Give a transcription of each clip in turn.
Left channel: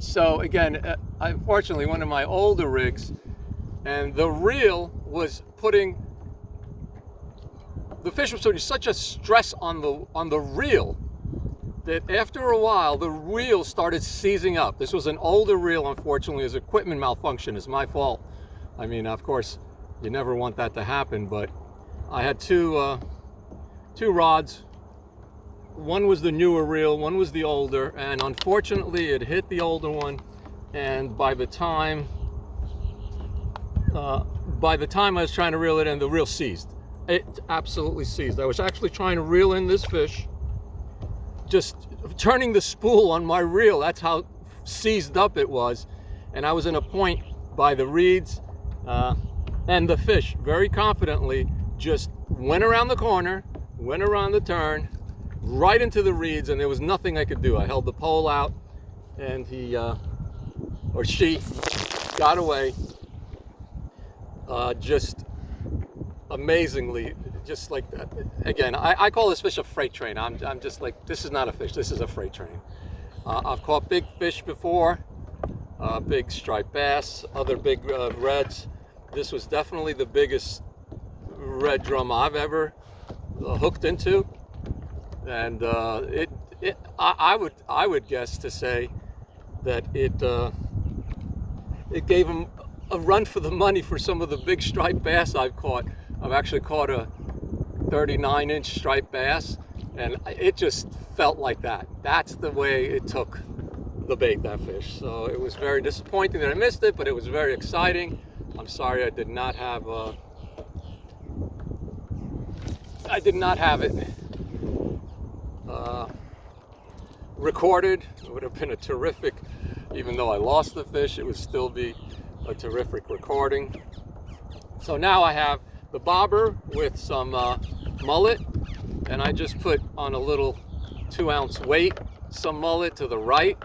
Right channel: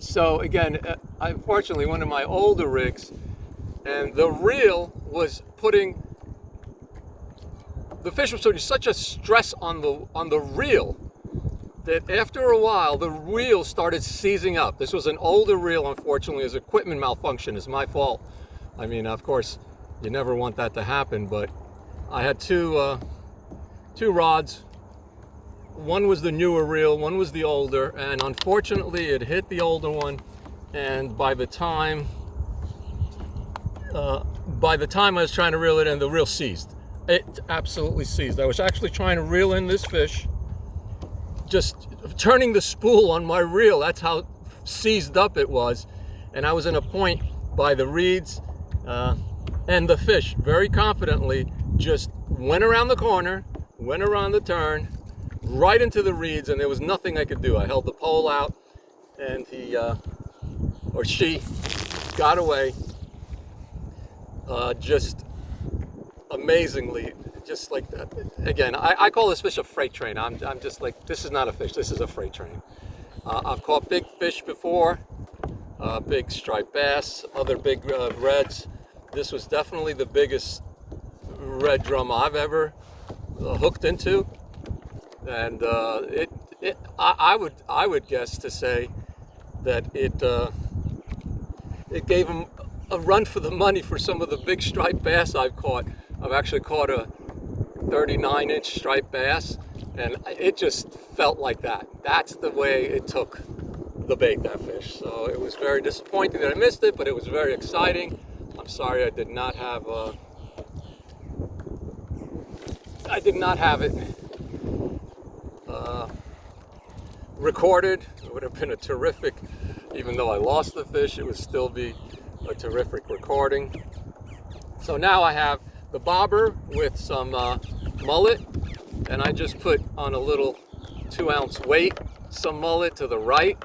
So again, unfortunately, one of my older rigs, and the reel was putting, the fish was putting such a stress on the reel that after a while the reel started seizing up. This was an older reel, unfortunately. His equipment malfunction is my fault. I mean, of course, you never want that to happen, but I had two rods. One was the newer reel, one was the older, and unfortunately it hit the older one, and by the time I was trying to reel it in, the reel seized. It absolutely seized. I was actually trying to reel in this fish, just turning the spool on my reel. That's how seized up it was. And I was in a point by the reeds, and the fish very confidently just went around the corner, went around the turn, right into the reeds, and there was nothing I could do. I held the pole out, and he or she got away. Just amazingly, just like that. Again, I call this fish a freight train. I'm just like, this is not a fish, this is a freight train. I've caught big fish before, big striped bass, other big reds. This was definitely the biggest red drum I've ever hooked into, and I would guess to say that it gave him a run for the money for some of the big striped bass I've caught. I've actually caught a 39-inch striped bass, and it just felt like that. That's the way it took the bait, that fish. So it was very disappointing that I missed it, but it was very exciting. I'm sorry I did not have it recorded. It would have been a terrific, even though I lost the fish, it would still be a terrific recording. So now I have the bobber with some mullet, and I just put on a little 2-ounce weight some mullet to the right.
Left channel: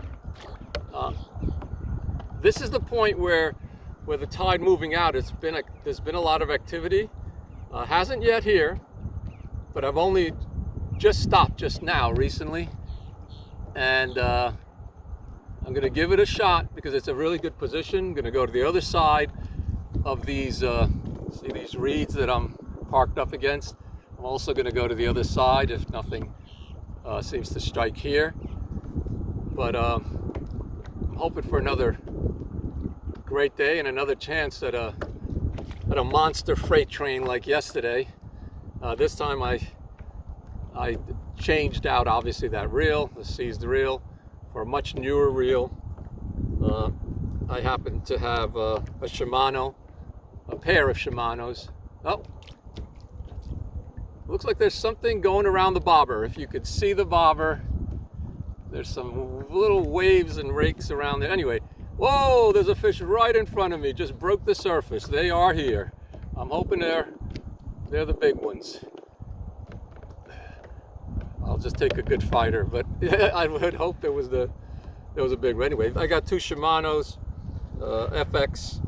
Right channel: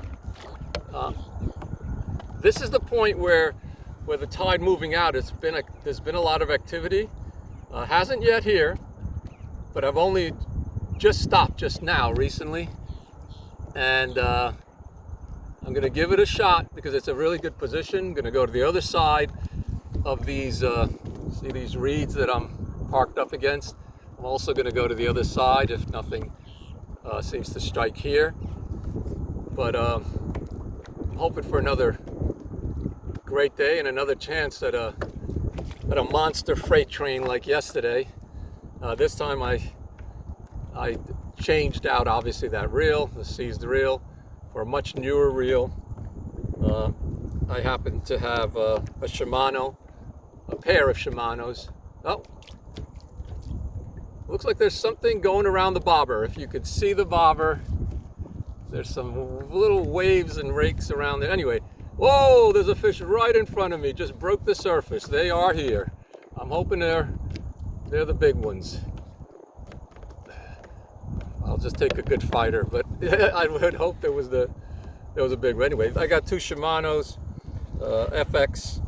This is the point where the tide moving out, there's been a lot of activity. Hasn't yet here, but I've only just stopped just now recently, and I'm going to give it a shot because it's a really good position. I'm going to go to the other side of these, see these reeds that I'm parked up against. I'm also going to go to the other side if nothing seems to strike here. But I'm hoping for another great day and another chance at a monster freight train like yesterday. This time I changed out, obviously, that reel, the seized reel, for a much newer reel. I happen to have a Shimano, a pair of Shimanos. Oh, looks like there's something going around the bobber. If you could see the bobber, there's some little waves and rakes around there. Anyway, whoa, there's a fish right in front of me, just broke the surface. They are here. I'm hoping they're the big ones. I'll just take a good fighter, but I would hope there was a big one. Anyway, I got two Shimanos, FX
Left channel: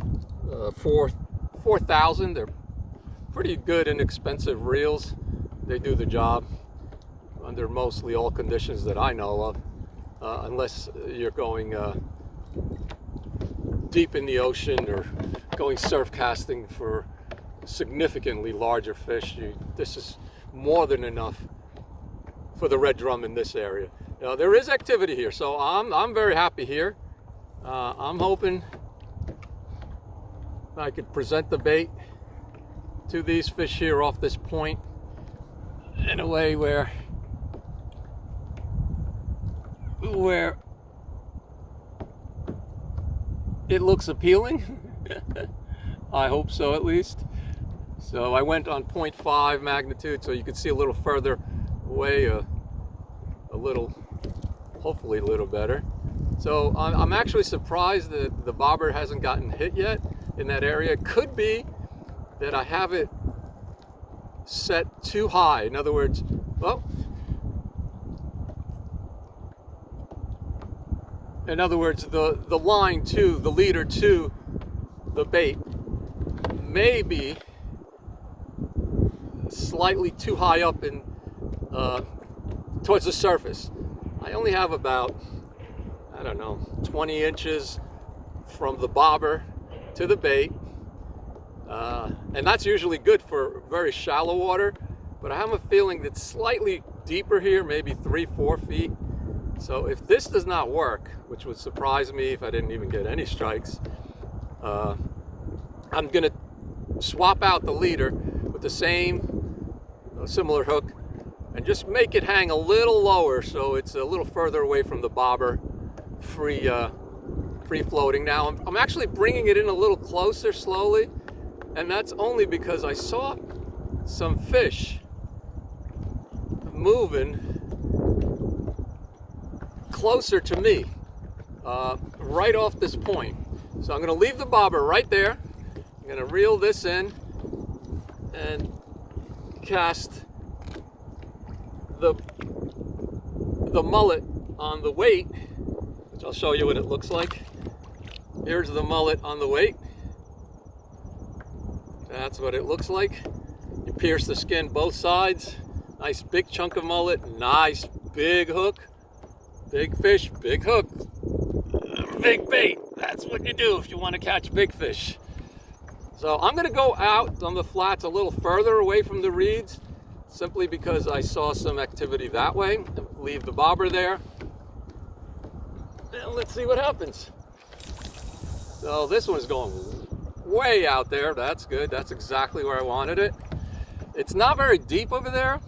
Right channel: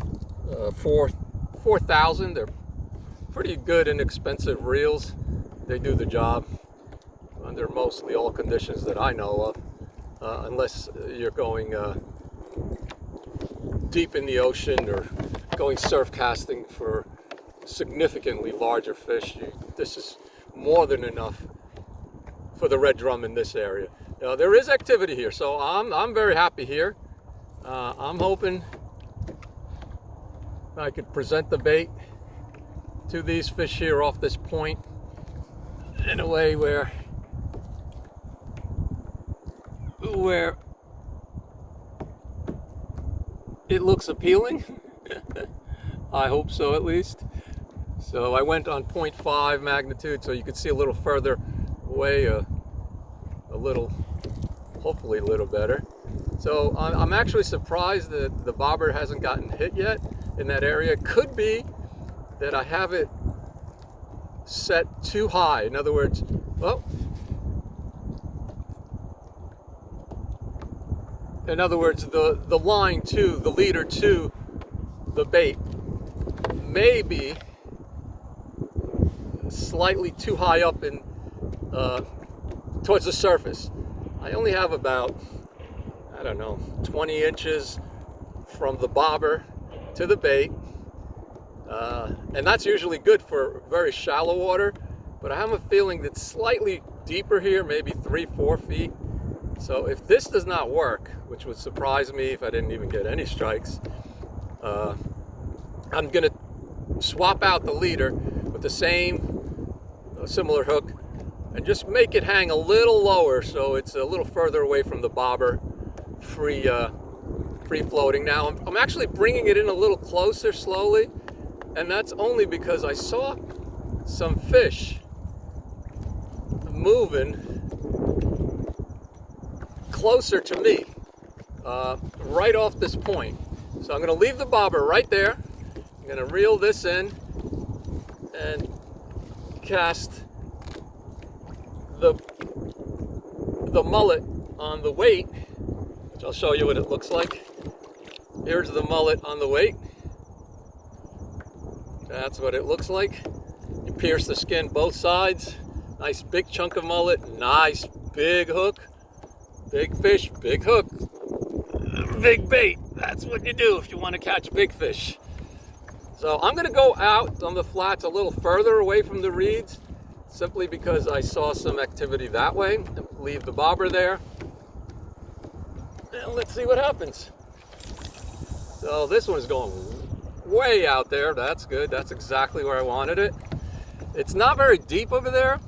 4000. They're pretty good, inexpensive reels. They do the job under mostly all conditions that I know of, unless you're going deep in the ocean or going surf casting for significantly larger fish. This is more than enough for the red drum in this area. There is activity here, so I'm very happy here. I'm hoping I could present the bait to these fish here off this point in a way where it looks appealing. I hope so, at least. So I went on 0.5 magnitude, so you can see a little further away, a little, hopefully a little better. So I'm actually surprised that the bobber hasn't gotten hit yet in that area. It could be that I have it set too high. In other words, well, in other words, the line to, the leader to the bait may be slightly too high up in towards the surface. I only have about, I don't know, 20 inches from the bobber to the bait. And that's usually good for very shallow water, but I have a feeling that's slightly deeper here, maybe 3-4 feet. So if this does not work, which would surprise me if I didn't even get any strikes, I'm gonna swap out the leader with the same similar hook and just make it hang a little lower so it's a little further away from the bobber, free floating. Now I'm actually bringing it in a little closer slowly, and that's only because I saw some fish moving closer to me, right off this point. So I'm going to leave the bobber right there. I'm going to reel this in and cast the mullet on the weight, which I'll show you what it looks like. Here's the mullet on the weight. That's what it looks like. You pierce the skin both sides. Nice big chunk of mullet, nice big hook. Big fish, big hook, big bait. That's what you do if you want to catch big fish. So I'm going to go out on the flats a little further away from the reeds, simply because I saw some activity that way. Leave the bobber there, and let's see what happens. So this one's going way out there. That's good. That's exactly where I wanted it. It's not very deep over there.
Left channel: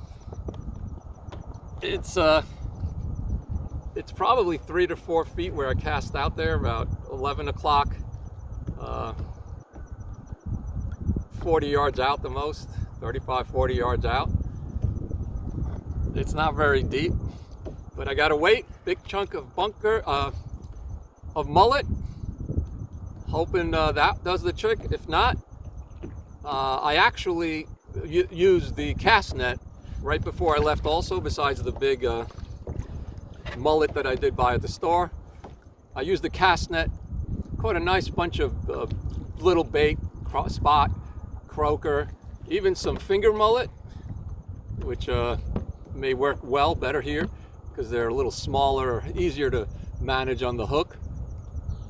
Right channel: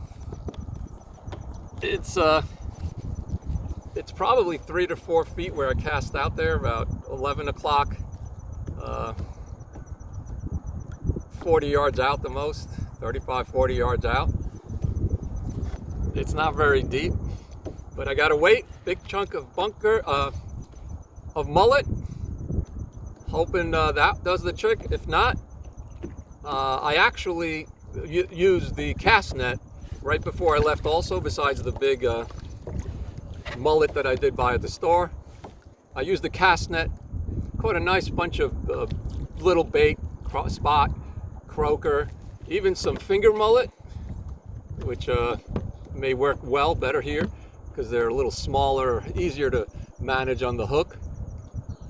It's probably 3 to 4 feet where I cast out there, about 11 o'clock, 40 yards out the most, 35, 40 yards out. It's not very deep, but I got a weight, big chunk of of mullet, hoping that does the trick. If not, I actually used the cast net right before I left also, besides the big mullet that I did buy at the store. I used the cast net, caught a nice bunch of little bait, spot, croaker, even some finger mullet, which may work well better here because they're a little smaller, easier to manage on the hook.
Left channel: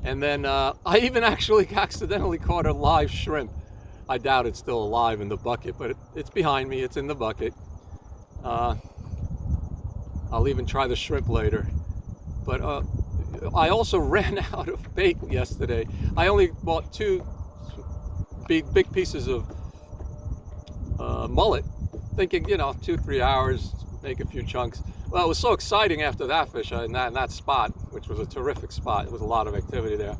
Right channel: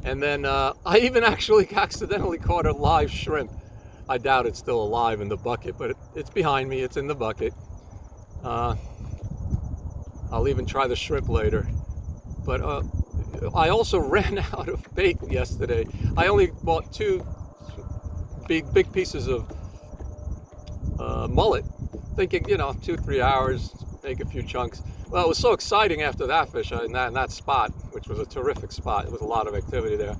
And then I even actually accidentally caught a live shrimp. I doubt it's still alive in the bucket, but it's behind me, it's in the bucket. I'll even try the shrimp later. But I also ran out of bait yesterday. I only bought 2 big pieces of mullet, thinking, 2-3 hours, make a few chunks. Well, it was so exciting after that fish in that spot, which was a terrific spot. There was a lot of activity there.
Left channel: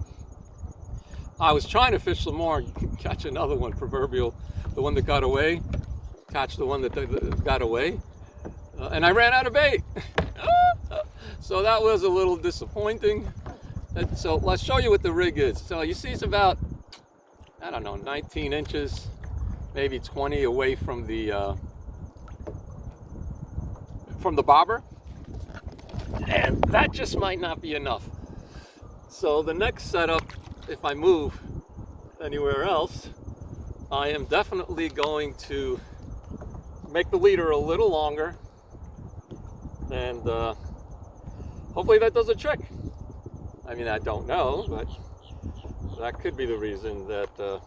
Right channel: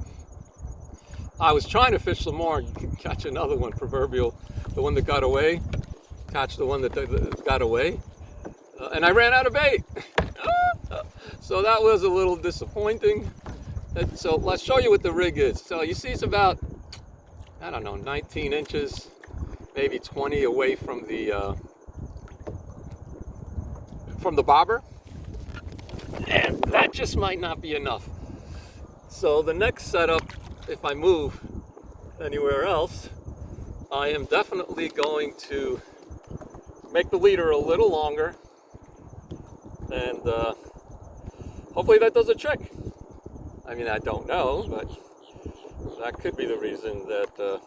I was trying to fish some more and catch another one, proverbial, the one that got away, catch the one that got away. And I ran out of bait. So that was a little disappointing. And so let's show you what the rig is. So you see it's about, 19 inches, maybe 20 away from the bobber. And that just might not be enough. So the next setup, if I move anywhere else, I am definitely going to make the leader a little longer. And hopefully that does a trick. I mean, I don't know, but that could be the reason that I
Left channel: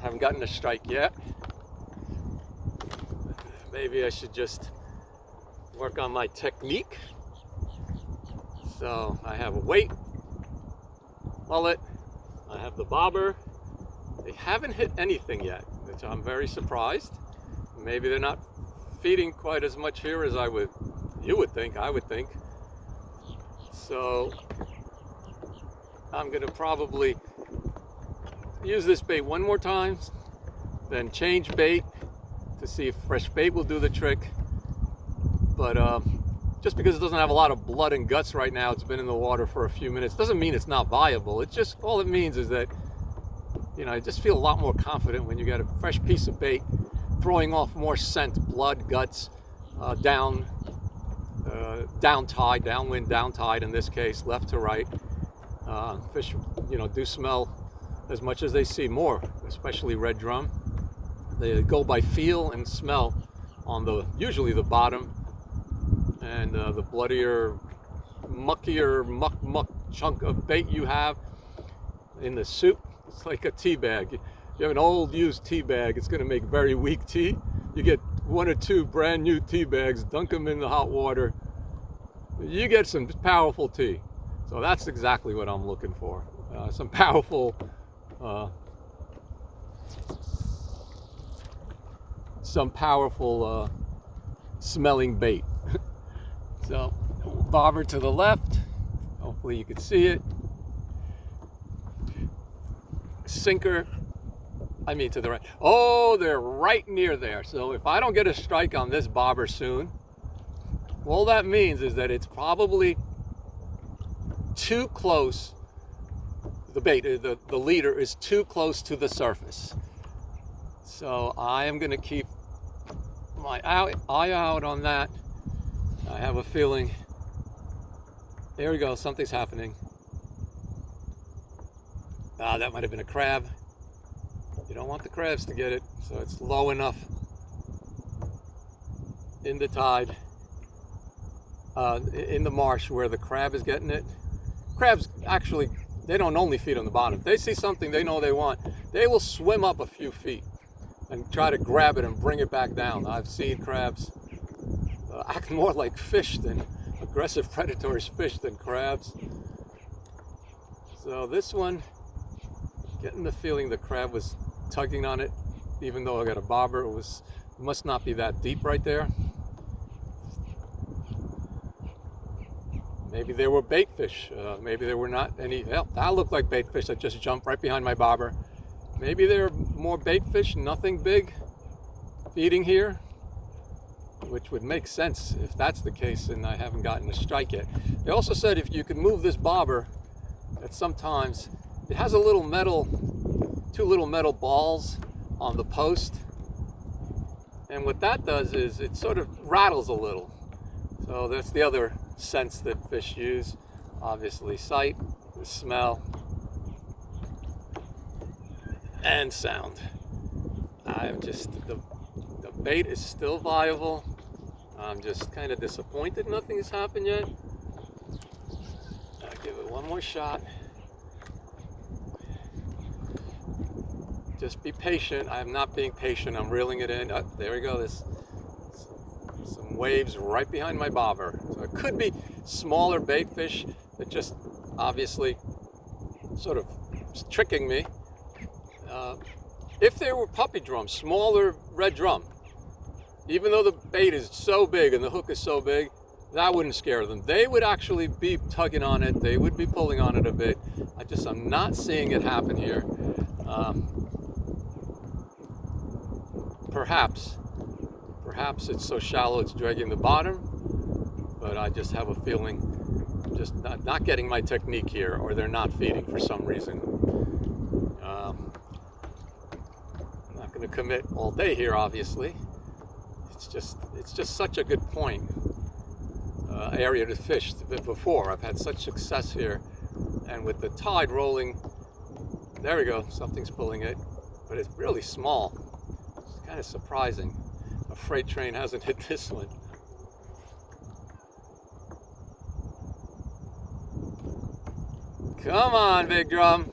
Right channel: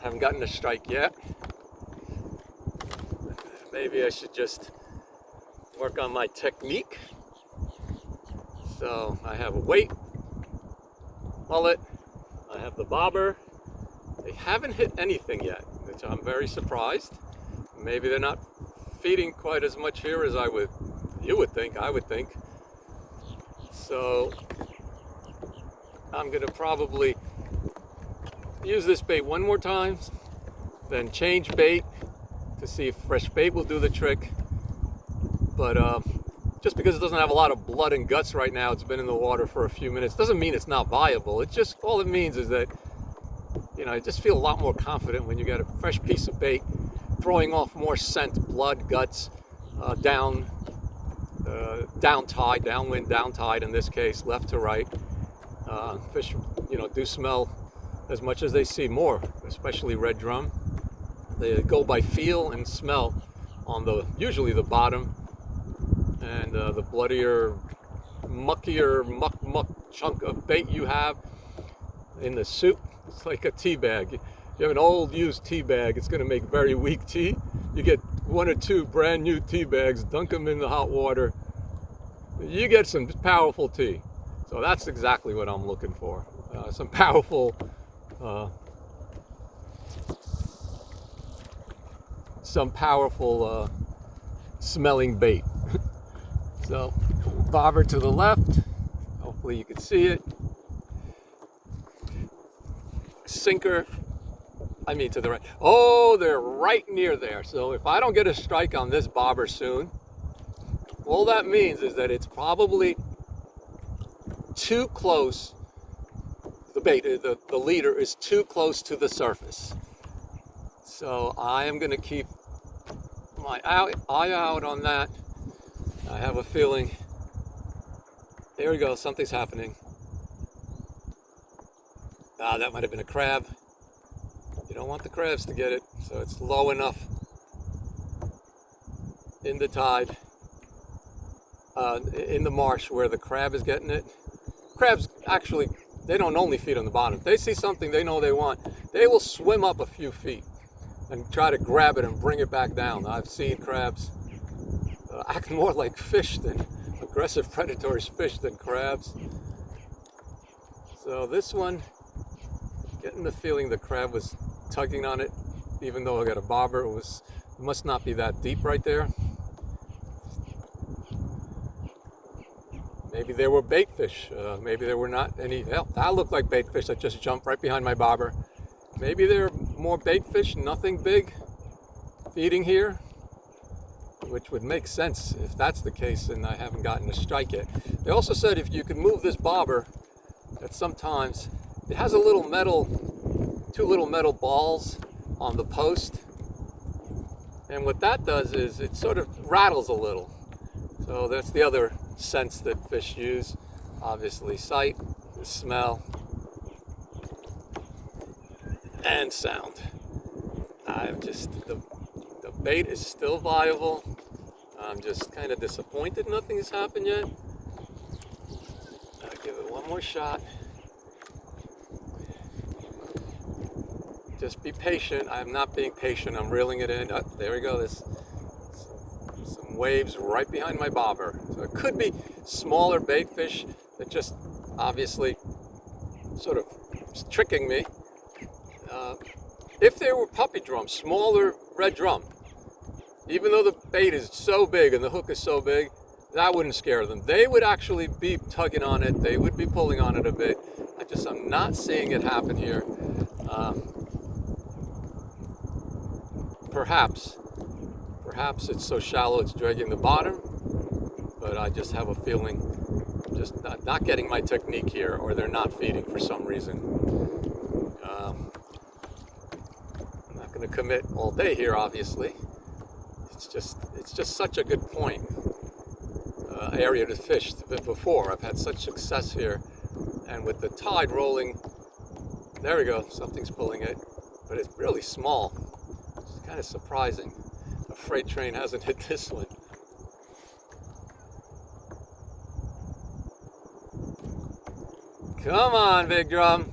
haven't gotten a strike yet. Maybe I should just work on my technique. So I have a weight, mullet, I have the bobber. They haven't hit anything yet, which I'm very surprised. Maybe they're not feeding quite as much here as I would think. So I'm gonna probably use this bait one more time, then change bait to see if fresh bait will do the trick. But just because it doesn't have a lot of blood and guts right now, it's been in the water for a few minutes, doesn't mean it's not viable. It's just, all it means is that, I just feel a lot more confident when you got a fresh piece of bait throwing off more scent, blood, guts, down tide, downwind, down tide in this case, left to right. Fish, do smell as much as they see more, especially red drum. They go by feel and smell on usually the bottom, and the bloodier, muckier, muck muck chunk of bait you have in the soup. It's like a tea bag. You have an old used tea bag, it's going to make very weak tea. You get 1 or 2 brand new tea bags, dunk them in the hot water, you get some powerful tea. So that's exactly what I'm looking for. Some powerful smelling bait. So bobber to the left, hopefully you can see it. Sinker, to the right. Oh, they're right near there. So if I don't get a strike on this bobber soon, all that means is that it's probably too close. The bait, the leader is too close to the surface. So I am going to keep my eye out on that. I have a feeling. There we go, something's happening. That might have been a crab. You don't want the crabs to get it, so it's low enough in the tide, in the marsh where the crab is getting it. Crabs actually, they don't only feed on the bottom. If they see something they know they want, they will swim up a few feet and try to grab it and bring it back down. I've seen crabs act more like fish than aggressive predatory fish than crabs. So this one, getting the feeling the crab was tugging on it, even though I got a bobber. It must not be that deep right there. Maybe there were bait fish. Maybe there were not any. Well, that looked like bait fish that just jumped right behind my bobber. Maybe there are more bait fish, nothing big, feeding here, which would make sense if that's the case, and I haven't gotten a strike yet. They also said if you can move this bobber, that sometimes it has a little metal, 2 little metal balls on the post, and what that does is it sort of rattles a little. So that's the other sense that fish use. Obviously sight, smell, and sound. The bait is still viable. I'm just kind of disappointed nothing has happened yet. I'll give it one more shot. Just be patient. I'm not being patient. I'm reeling it in. Oh, there we go. There's some waves right behind my bobber. So it could be smaller bait fish that just obviously sort of tricking me. If there were puppy drums, smaller red drum, even though the bait is so big and the hook is so big, that wouldn't scare them. They would actually be tugging on it. They would be pulling on it a bit. I'm not seeing it happen here. Perhaps it's so shallow it's dragging the bottom, but I just have a feeling I'm just not getting my technique here, or they're not feeding for some reason. I'm not going to commit all day here, obviously. It's just such a good point, area to fish before. I've had such success here, and with the tide rolling, there we go, something's pulling it, but it's really small. It's kind of surprising. A freight train hasn't hit this one. Come on, big drum.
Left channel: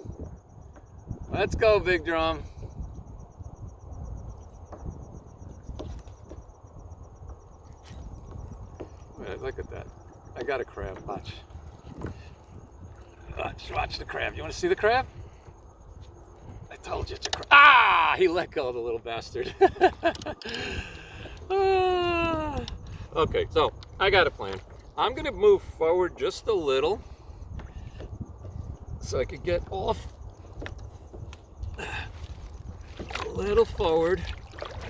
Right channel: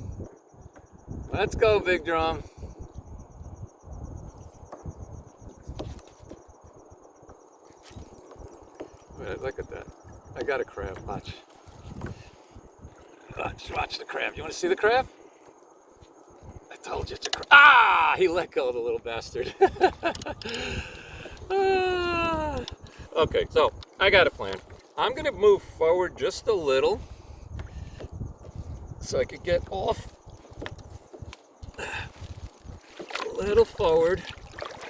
Let's go, big drum. Wait, look at that. I got a crab. Watch. Watch the crab. You want to see the crab? I told you it's a crab. Ah! He let go, the little bastard. Okay, so I got a plan. I'm going to move forward just a little so I could get off a little forward.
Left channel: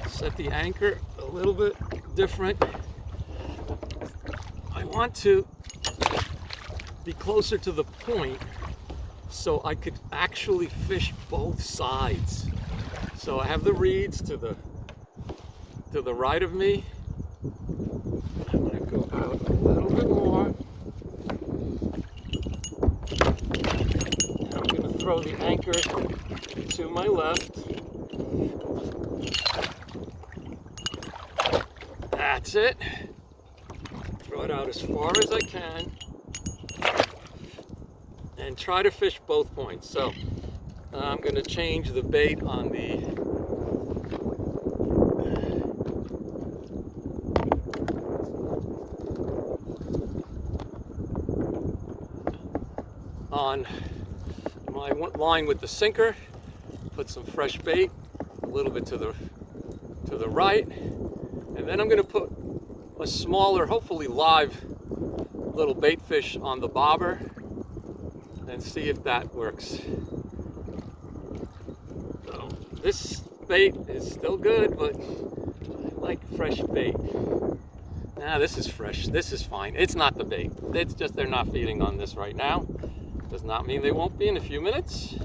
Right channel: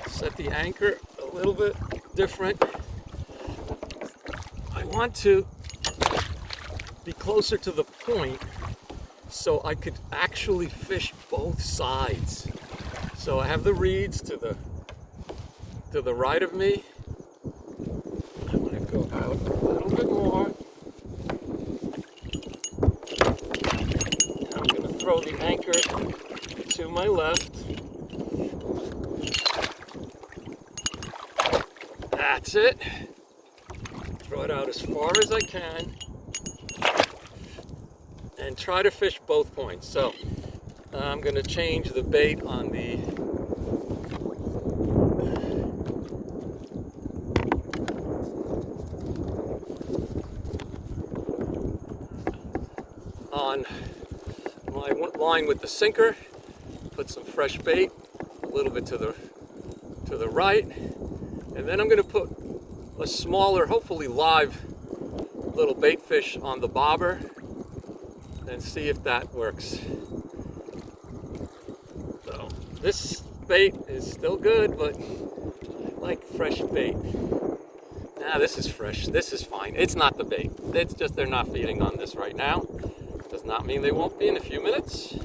Set the anchor a little bit different. I want to be closer to the point so I could actually fish both sides. So I have the reeds to the right of me. I want to go out a little bit more. I'm going to throw the anchor to my left. That's it. Throw it out as far as I can. and try to fish both points. So I'm going to change the bait on the on my line with the sinker, put some fresh bait a little bit to the right, and then I'm going to put a smaller, hopefully live little bait fish on the bobber and see if that works. So this bait is still good, but I like fresh bait. Nah, this is fresh. This is fine. It's not the bait. It's just they're not feeding on this right now. Does not mean they won't be in a few minutes.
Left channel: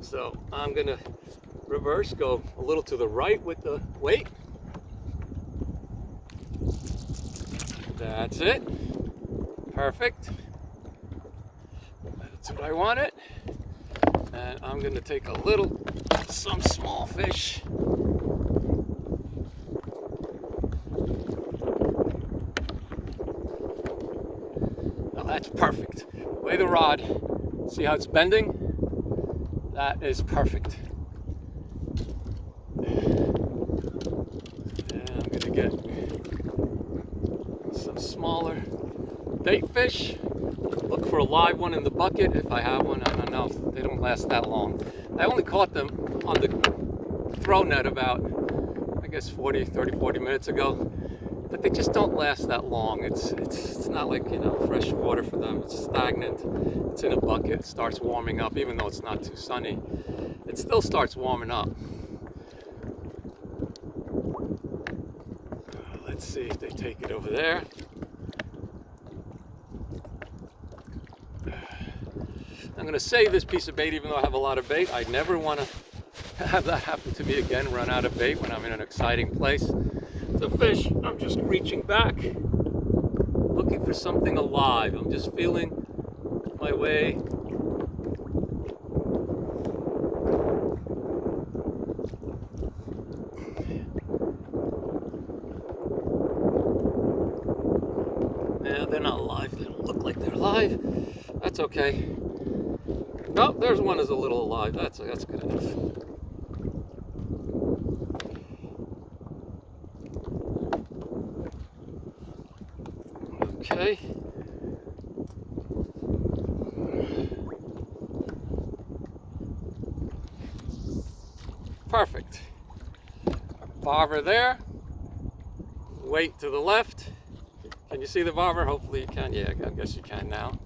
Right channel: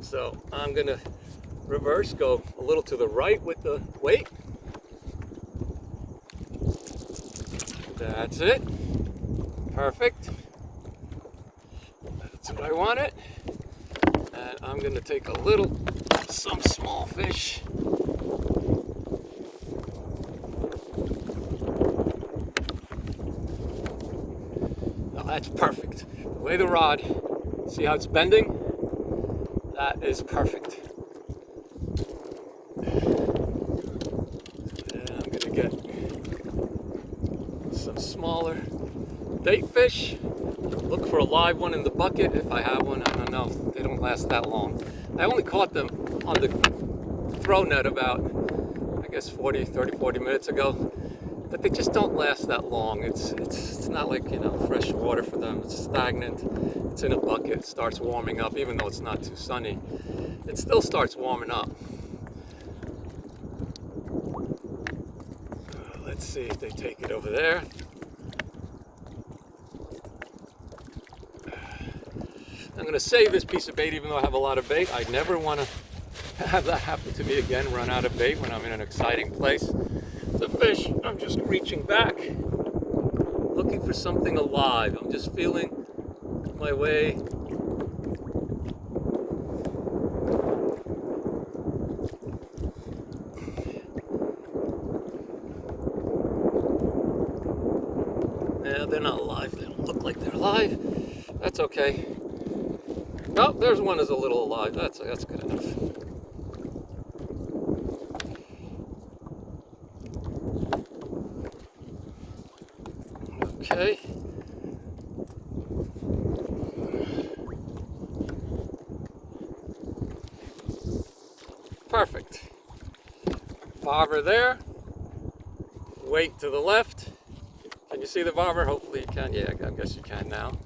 So I'm gonna reverse, go a little to the right with the weight. That's it. Perfect. That's what I wanted. And I'm gonna take some small fish. Oh, that's perfect. Lay the rod. See how it's bending? That is perfect. And I'm gonna get some smaller bait fish. Look for a live one in the bucket if I have one. I don't know. They don't last that long. I only caught them on the throw net about, I guess, 40 minutes ago. But they just don't last that long. It's not like, fresh water for them. It's stagnant. It's in a bucket. It starts warming up, even though it's not too sunny. It still starts warming up. Let's see if they take it over there. I'm going to save this piece of bait, even though I have a lot of bait. I never want to have that happen to me again, run out of bait when I'm in an exciting place. The fish, I'm just reaching back, looking for something alive. I'm just feeling my way. Yeah, they're not alive. They don't look like they're alive. That's okay. Oh, there's one that's a little alive. That's good enough. Okay. Perfect. Bobber there. Weight to the left. Can you see the bobber? Hopefully you can. Yeah, I guess you can now.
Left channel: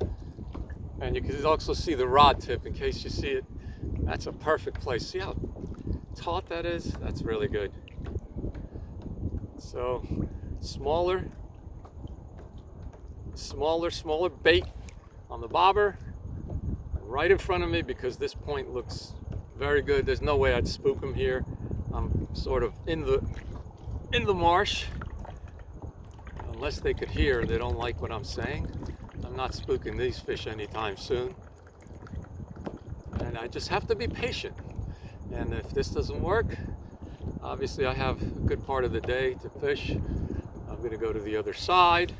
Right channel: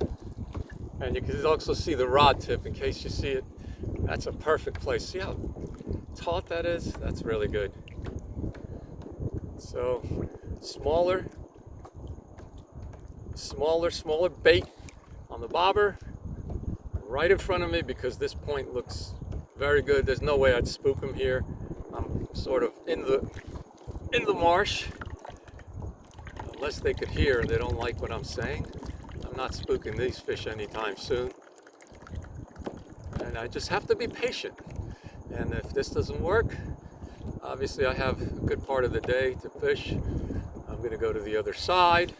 And you can also see the rod tip in case you see it. That's a perfect place. See how taut that is? That's really good. So smaller bait on the bobber right in front of me, because this point looks very good. There's no way I'd spook him here. I'm sort of in the marsh. Unless they could hear, they don't like what I'm saying. I'm not spooking these fish anytime soon. And I just have to be patient. And if this doesn't work, obviously I have a good part of the day to fish. I'm going to go to the other side.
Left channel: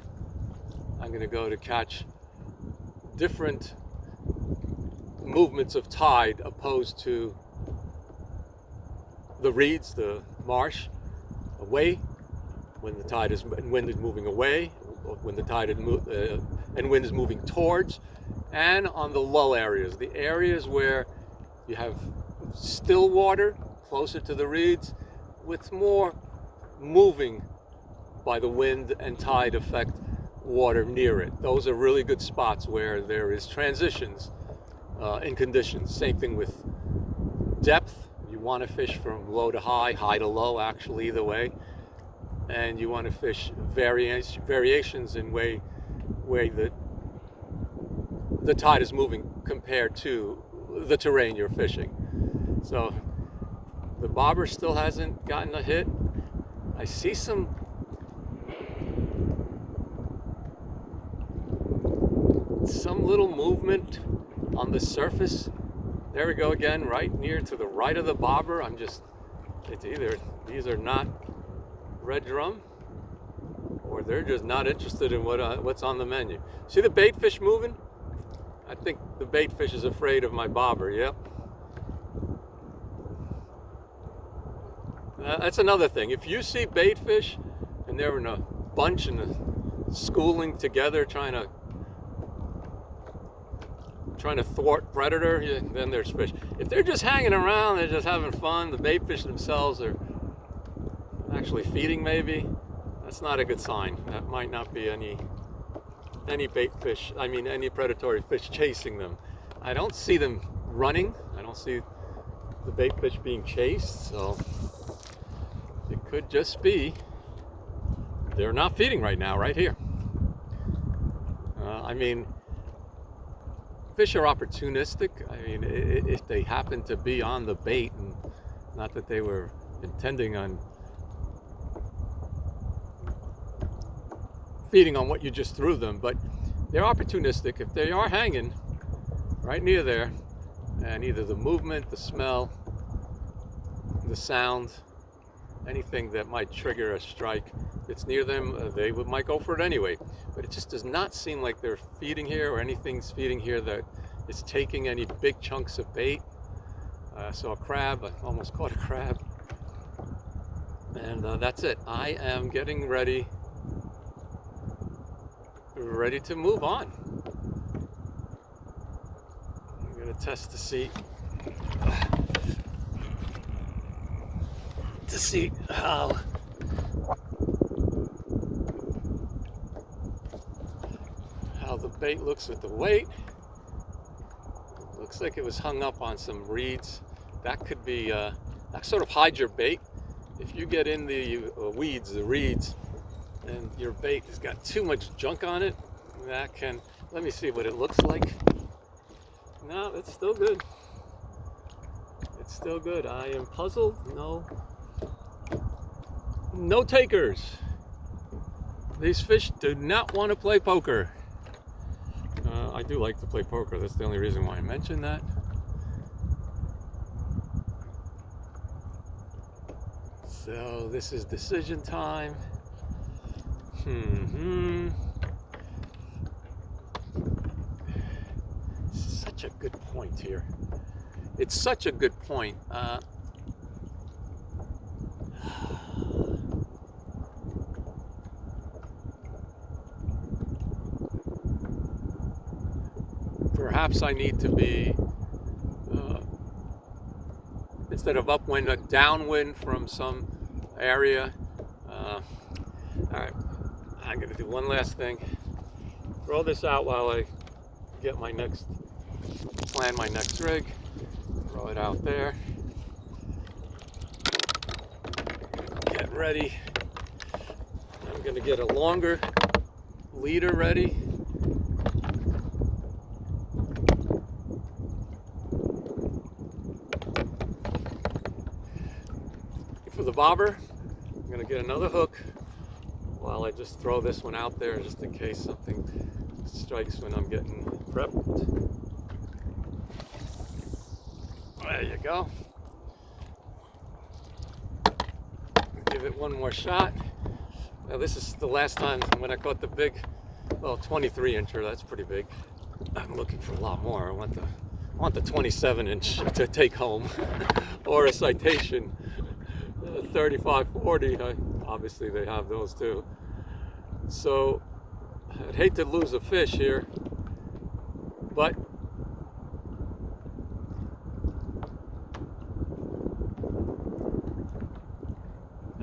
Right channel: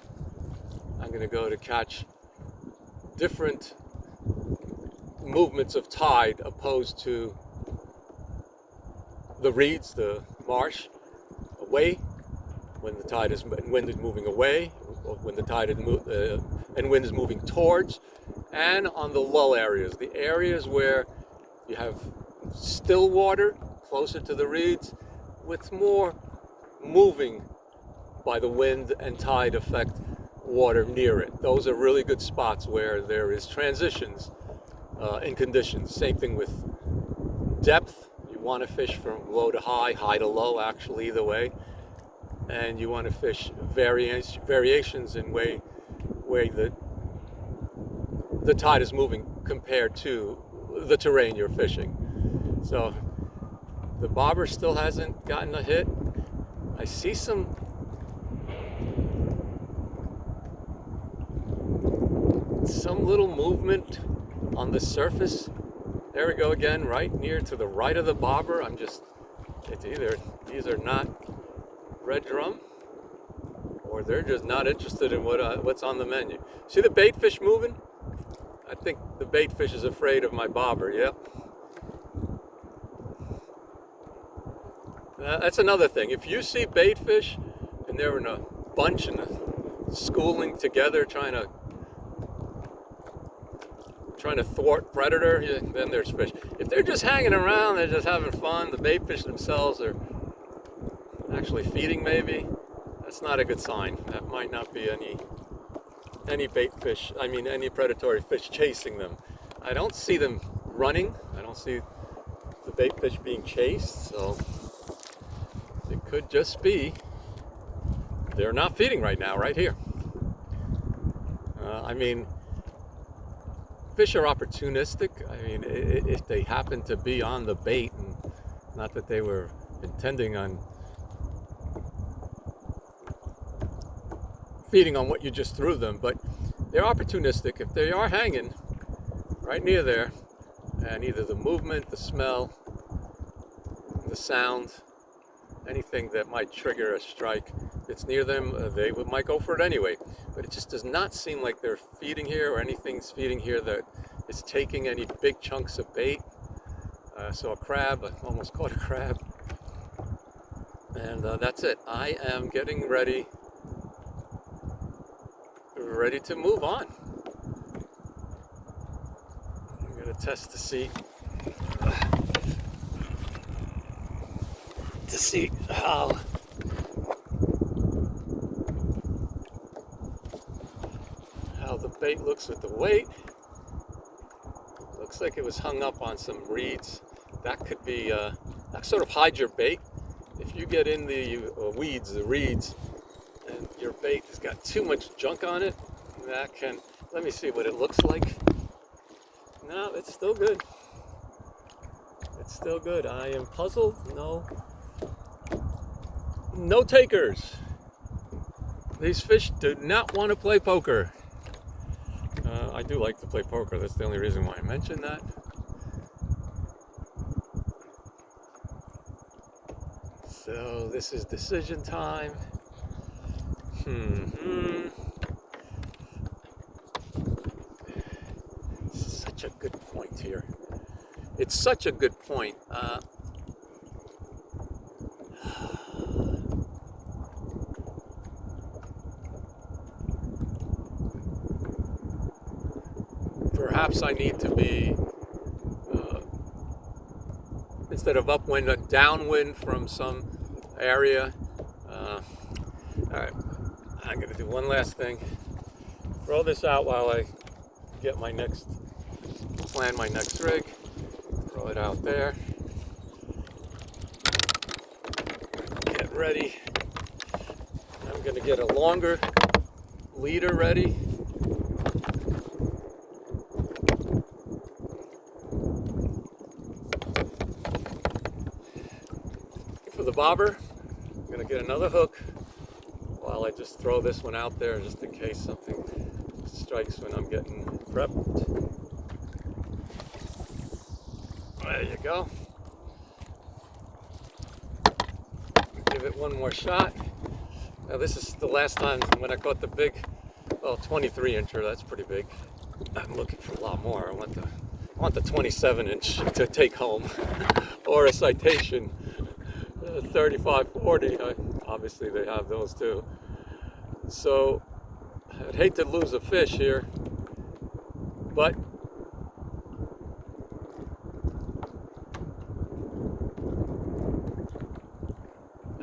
I'm going to go to catch different movements of tide opposed to the reeds, the marsh, away when the tide is, wind is moving away, when the tide is and wind is moving towards, and on the low areas, the areas where you have still water closer to the reeds with more moving by the wind and tide effect water near it. Those are really good spots where there is transitions in conditions. Same thing with depth. You want to fish from low to high, high to low, actually, either way. And you want to fish variations in way the tide is moving compared to the terrain you're fishing. So the bobber still hasn't gotten a hit. I see some little movement on the surface. There we go again, right near to the right of the bobber. It's either these are not red drum, or they're just not interested in what's on the menu. See the bait fish moving? I think bait fish is afraid of my bobber. Yep. That's another thing. If you see bait fish and they're in a bunch and schooling together trying to thwart predator, then there's fish. If they're just hanging around, they're just having fun, the bait fish themselves are actually feeding maybe, that's not a good sign. That might not be any bait fish, any predatory fish chasing them. I don't see them running. I don't see the bait fish being chased, so it could just be they're not feeding right now, right here. Fish are opportunistic. If they happen to be on the bait, and not that they were intending on feeding on what you just threw them, but they're opportunistic. If they are hanging right near there, and either the movement, the smell, the sound, anything that might trigger a strike, it's near them, they might go for it anyway. But it just does not seem like they're feeding here, or anything's feeding here that is taking any big chunks of bait. I saw a crab. I almost caught a crab. And that's it. I am getting ready to move on. I'm going to test to see how the bait looks with the weight. Looks like it was hung up on some reeds. That could be that sort of hides your bait. If you get in the weeds, the reeds, and your bait has got too much junk on it, that can, let me see what it looks like. No, it's still good. It's still good. I am puzzled. No takers. These fish do not want to play poker. I do like to play poker. That's the only reason why I mentioned that. So this is decision time. Such a good point here. It's such a good point. Perhaps I need to be, instead of upwind, a downwind from some area. All right, I'm going to do one last thing. Throw this out while I get plan my next rig. Throw it out there. Get ready. I'm going to get a longer leader ready. For the bobber, I'm going to get another hook while I just throw this one out there just in case something strikes when I'm getting prepped. There you go. Give it one more shot. Now this is the last time when I caught the big, 23 incher, that's pretty big. I'm looking for a lot more. I want the 27 inch to take home or a citation. 35, 40, obviously they have those too. So I'd hate to lose a fish here, but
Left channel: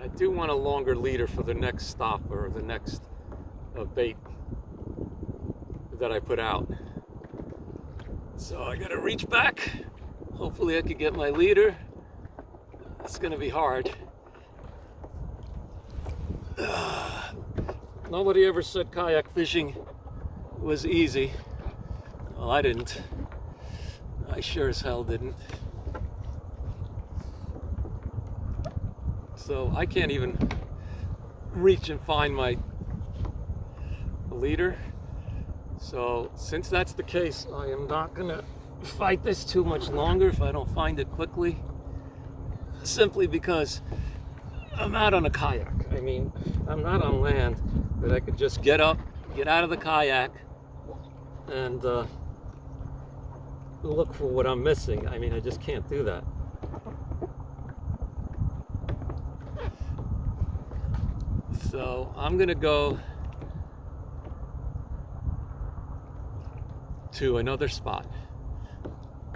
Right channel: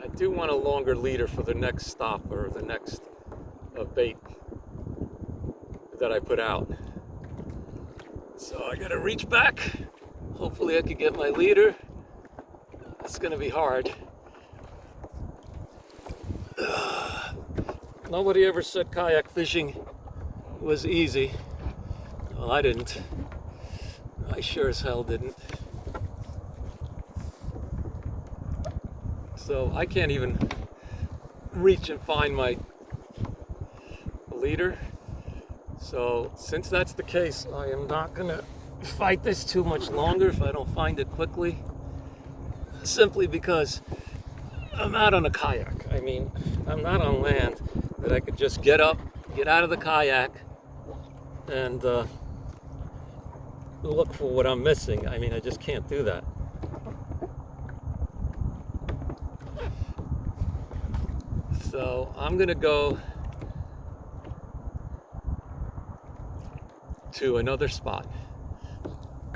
I do want a longer leader for the next stop or the next bait that I put out. So I gotta reach back. Hopefully I can get my leader. It's going to be hard. Nobody ever said kayak fishing was easy. Well, I didn't. I sure as hell didn't. So I can't even reach and find my leader. So since that's the case, I am not going to fight this too much longer if I don't find it quickly. Simply because I'm out on a kayak. I'm not on land, but I could just get up, get out of the kayak, and look for what I'm missing. I mean, I just can't do that. So I'm gonna go to another spot.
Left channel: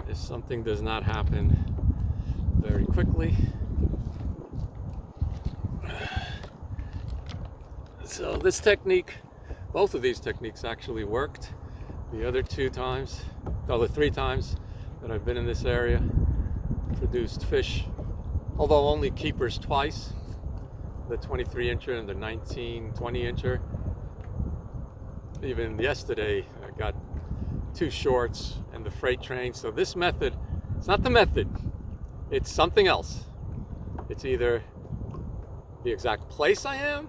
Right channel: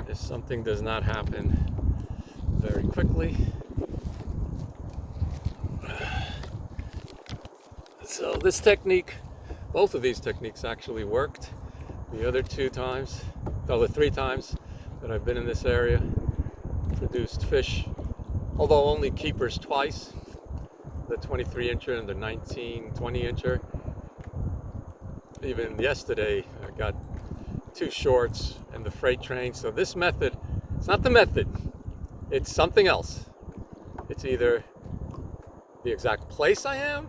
If something does not happen very quickly. So this technique, both of these techniques actually worked. The other 3 times that I've been in this area, produced fish, although only keepers twice, the 23-incher and the 20-incher. Even yesterday, I got 2 shorts and the freight train. So this method, it's not the method, it's something else. It's either the exact place I am,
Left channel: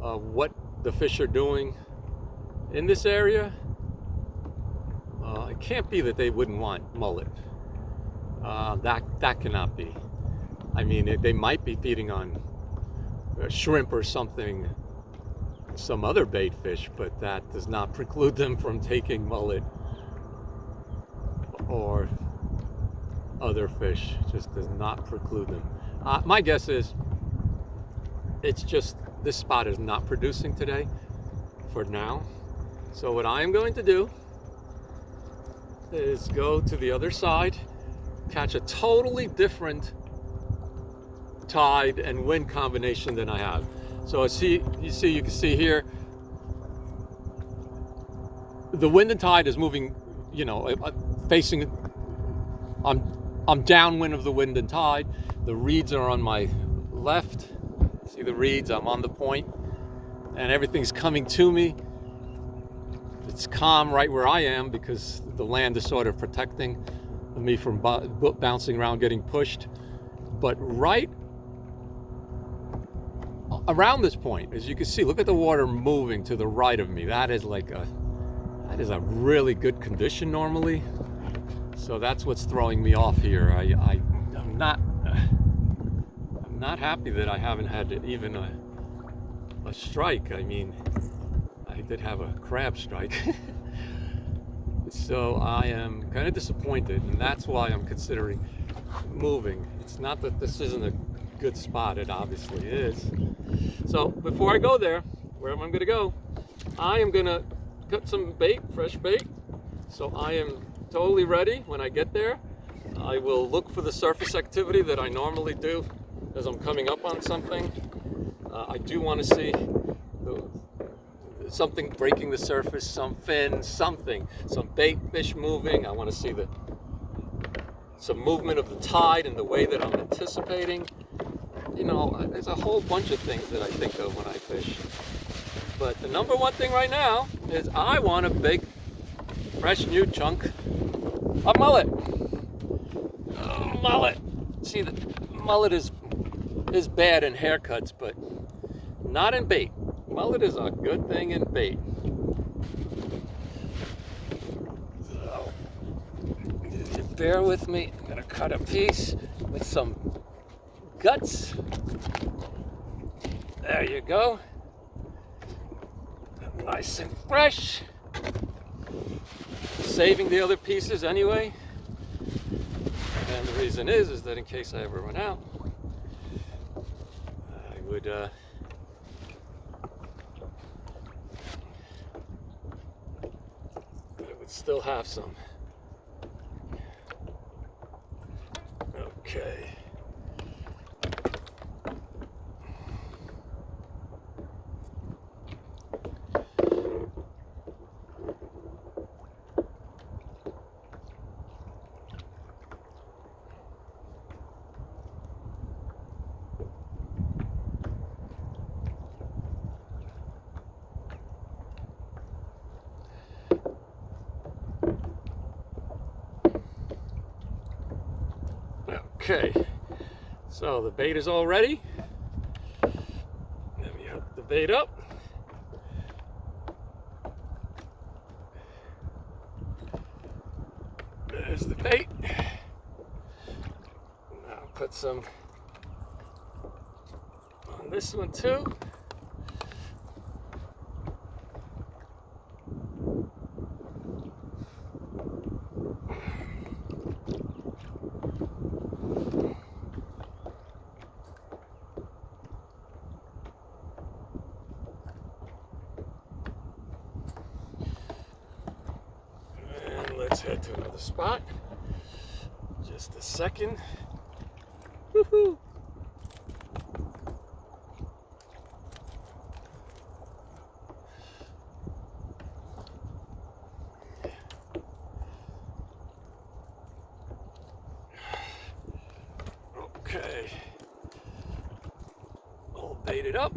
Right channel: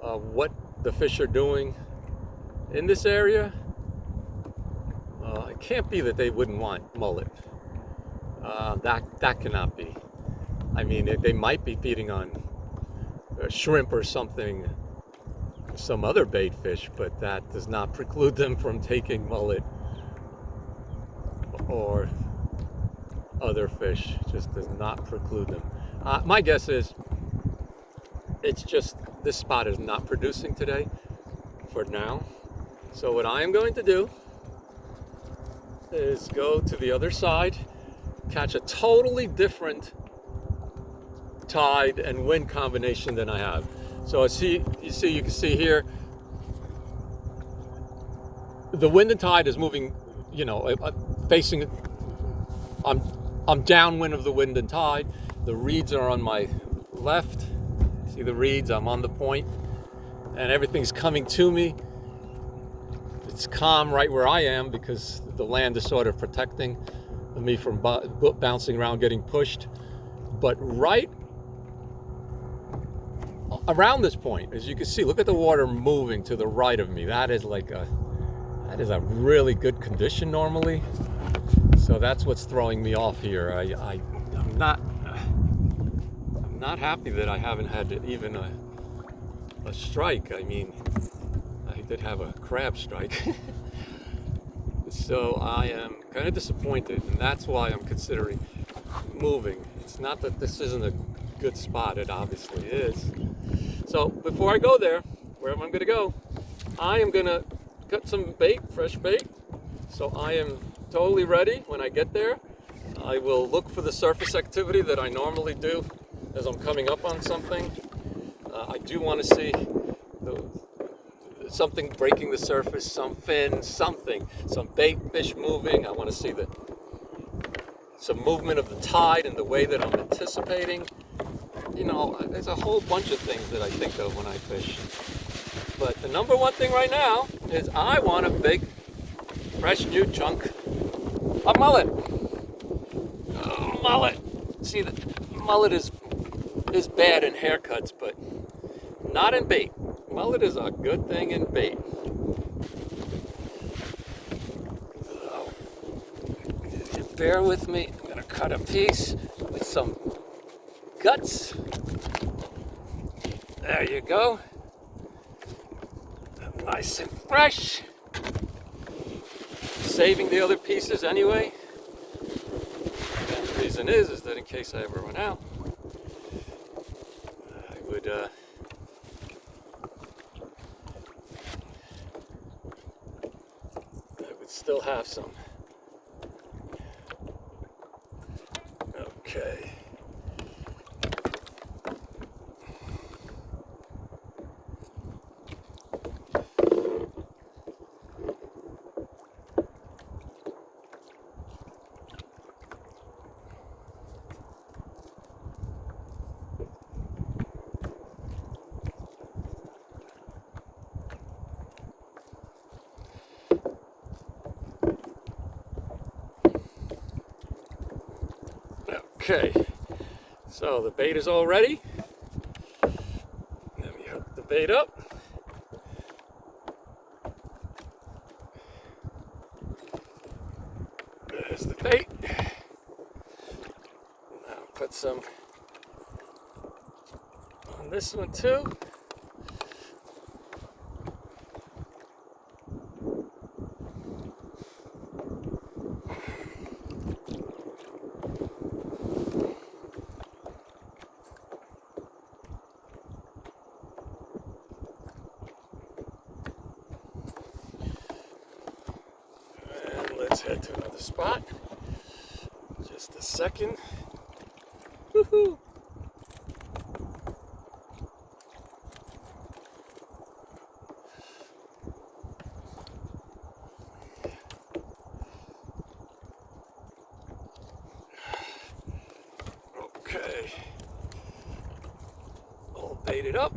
what the fish are doing in this area. It can't be that they wouldn't want mullet. That cannot be. I mean, they might be feeding on shrimp or something, some other bait fish, but that does not preclude them from taking mullet or other fish. Just does not preclude them. My guess is it's just this spot is not producing today for now. So what I am going to do is go to the other side, catch a totally different tide and wind combination than I have. So you can see here, the wind and tide is moving, facing, I'm downwind of the wind and tide. The reeds are on my left. See the reeds, I'm on the point, and everything's coming to me. It's calm right where I am because the land is sort of protecting me from bouncing around, getting pushed. But right around this point, as you can see, look at the water moving to the right of me. That is a really good condition normally. So that's what's throwing me off here. I'm not happy that I haven't had even a strike. I mean, I did have a crab strike. So I am kind of disappointed, and that's why I'm considering moving. It's not that this isn't a good spot, it obviously is. So before I go there, wherever I'm gonna go, I am gonna cut some bait, fresh bait. So I am totally ready when I get there. I will look for the surface activity that I normally do as I'm coming up on something. I do want to see something breaking the surface, some fin, something, some bait fish moving. I want to see some movement of the tide in the way that I'm anticipating. There's a whole bunch of things that I think of when I fish. But the number one thing right now is I want a big, fresh new chunk of mullet. Mullet. See, the mullet is bad in haircuts, but not in bait. Mullet is a good thing in bait. So, bear with me. I'm gonna cut a piece with some guts. There you go. Nice and fresh. Saving the other pieces anyway. And the reason is that in case I ever run out, I would still have some. Okay. Okay, so the bait is all ready. Let me hook the bait up. There's the bait. I'll put some on this one too. let's head to another spot. Just a second. Woohoo! Okay. All baited up.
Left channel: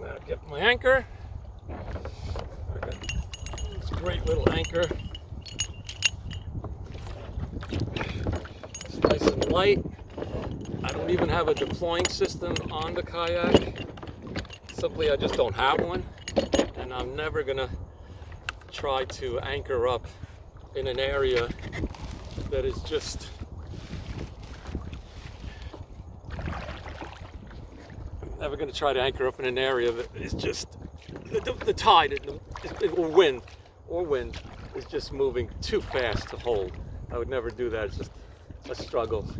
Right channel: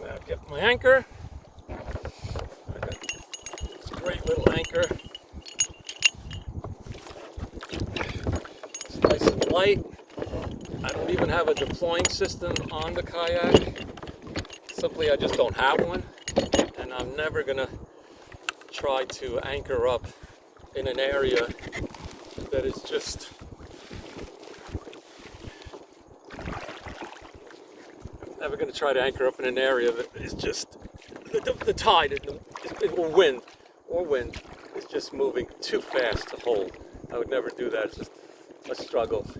Now get my anchor. I got this great little anchor. It's nice and light. I don't even have a deploying system on the kayak. Simply, I just don't have one. And I'm never gonna try to anchor up in an area that is just never going to try to anchor up in an area that is just the tide or wind is just moving too fast to hold. I would never do that. It's just a struggle.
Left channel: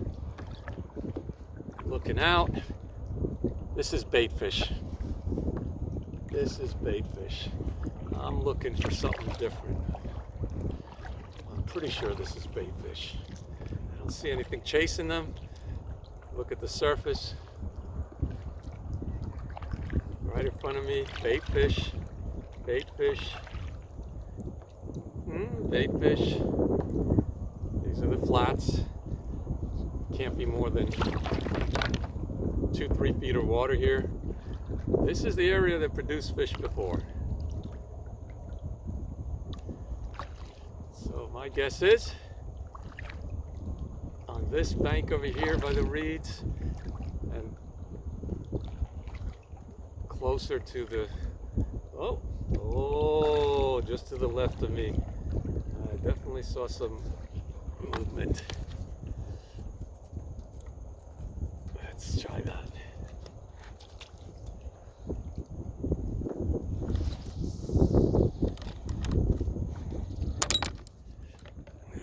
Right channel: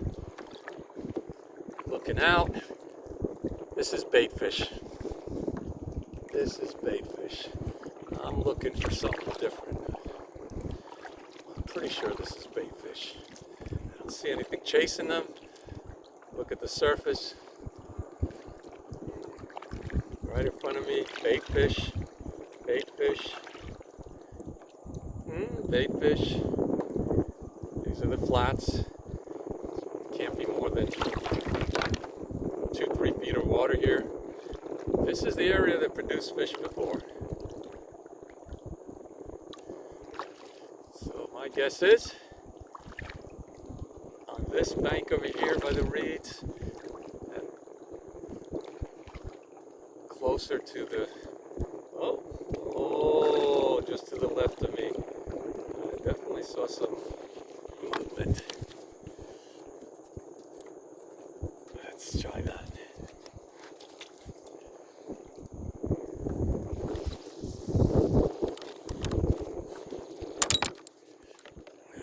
Looking out. This is bait fish. This is bait fish. I'm looking for something different. I'm pretty sure this is bait fish. I don't see anything chasing them. Look at the surface. Right in front of me, bait fish, bait fish, bait fish. These are the flats. Can't be more than 2-3 feet of water here. This is the area that produced fish before. So my guess is on this bank over here by the reeds and closer to the, just to the left of me, I definitely saw some movement. Let's try that.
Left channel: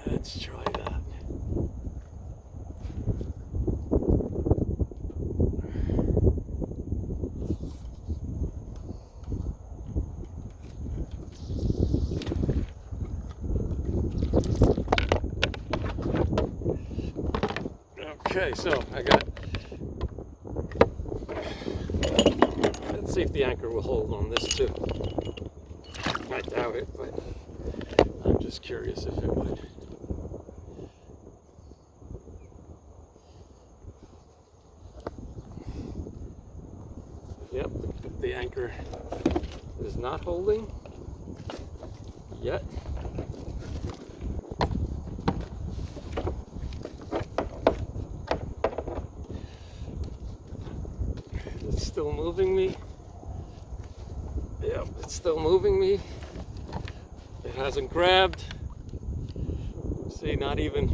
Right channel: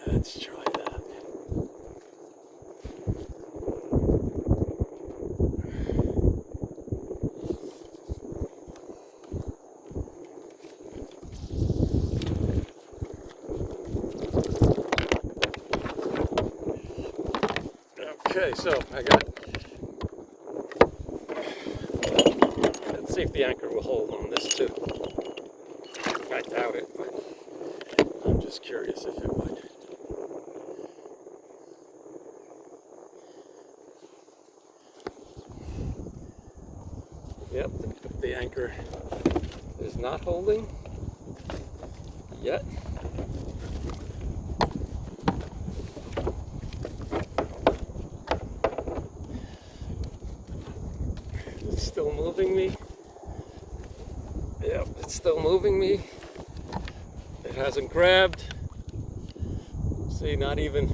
Let's try that. Okay, so I got, let's see if the anchor will hold on this too. I doubt it, but I'm just curious if it would. Yep, the anchor is not holding yet. It's still moving me. Yep, it's still moving me. It hasn't grabbed. See, not even.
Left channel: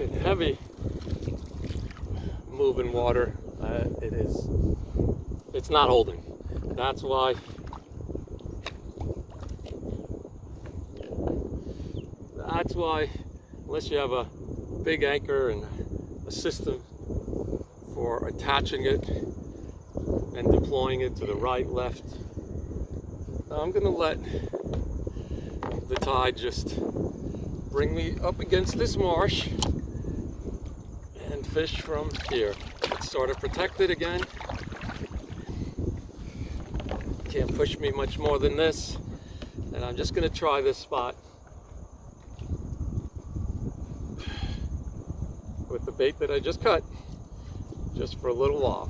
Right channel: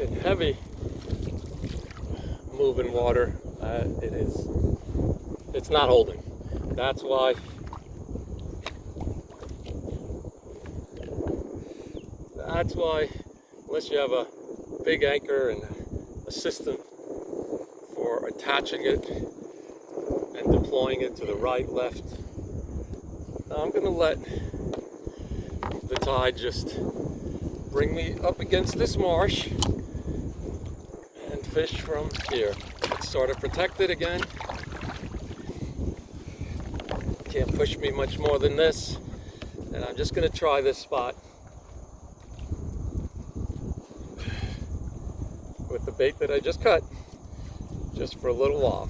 In heavy moving water, it's not holding. That's why unless you have a big anchor and a system for attaching it and deploying it to the right, left, I'm gonna let the tide just bring me up against this marsh and fish from here. It's sort of protected again. Can't push me much more than this. And I'm just gonna try this spot with the bait that I just cut, just for a little while.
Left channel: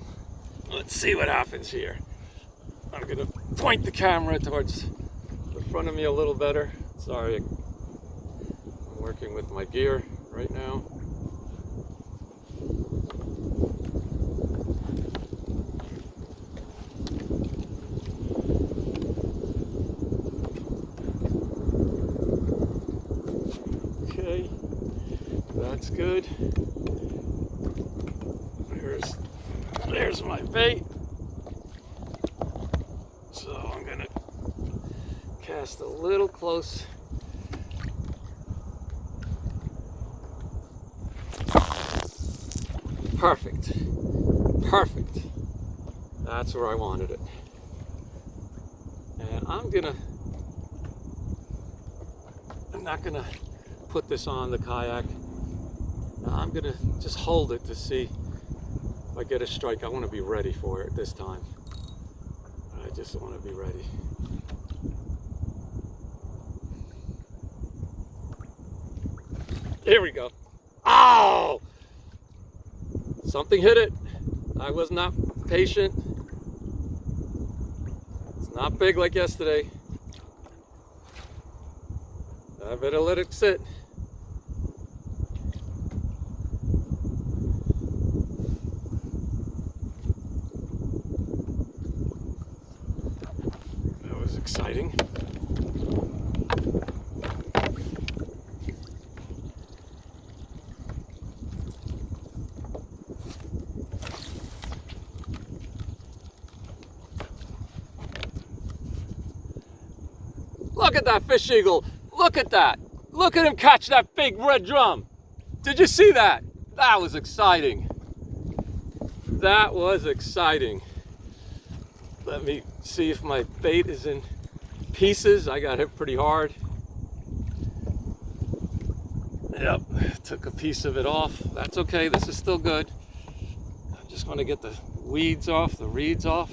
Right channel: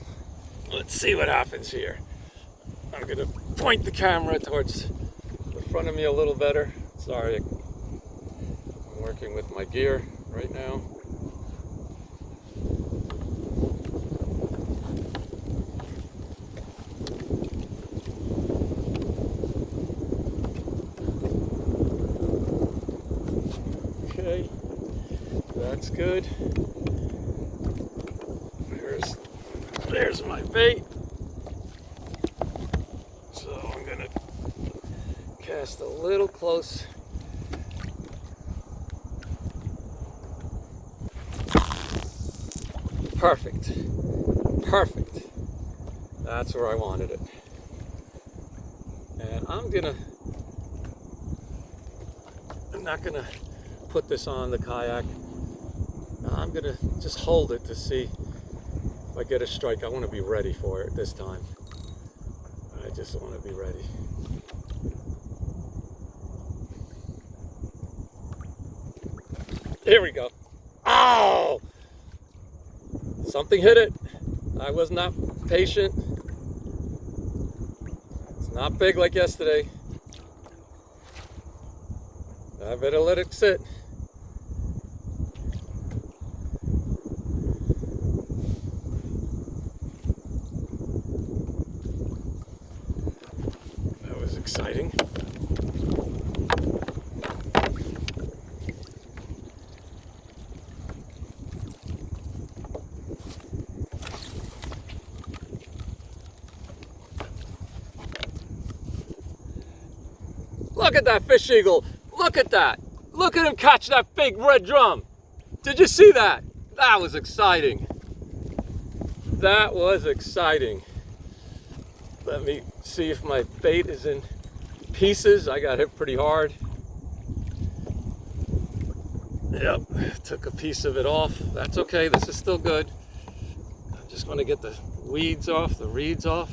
Let's see what happens here. I'm gonna point the camera towards the front of me a little better. Sorry, I'm working with my gear right now. Okay, that's good. There's my bait. So I'm gonna cast a little close. Perfect. Perfect. That's where I wanted it. And I'm not gonna put this on the kayak. I'm gonna just hold it to see if I get a strike. I want to be ready for it this time. I just want to be ready. Here we go. Oh! Something hit it. I was not patient. It's not big like yesterday. I better let it sit. That was exciting. Look at that fish eagle. Look at that. Look at him catch that big red drum. Did you see that? That was exciting. That was exciting. Let me see if my bait is in pieces. I got hit pretty hard. Yep, took a piece of it off. That's okay, this is still good. I'm just gonna get the weeds off, the reeds off.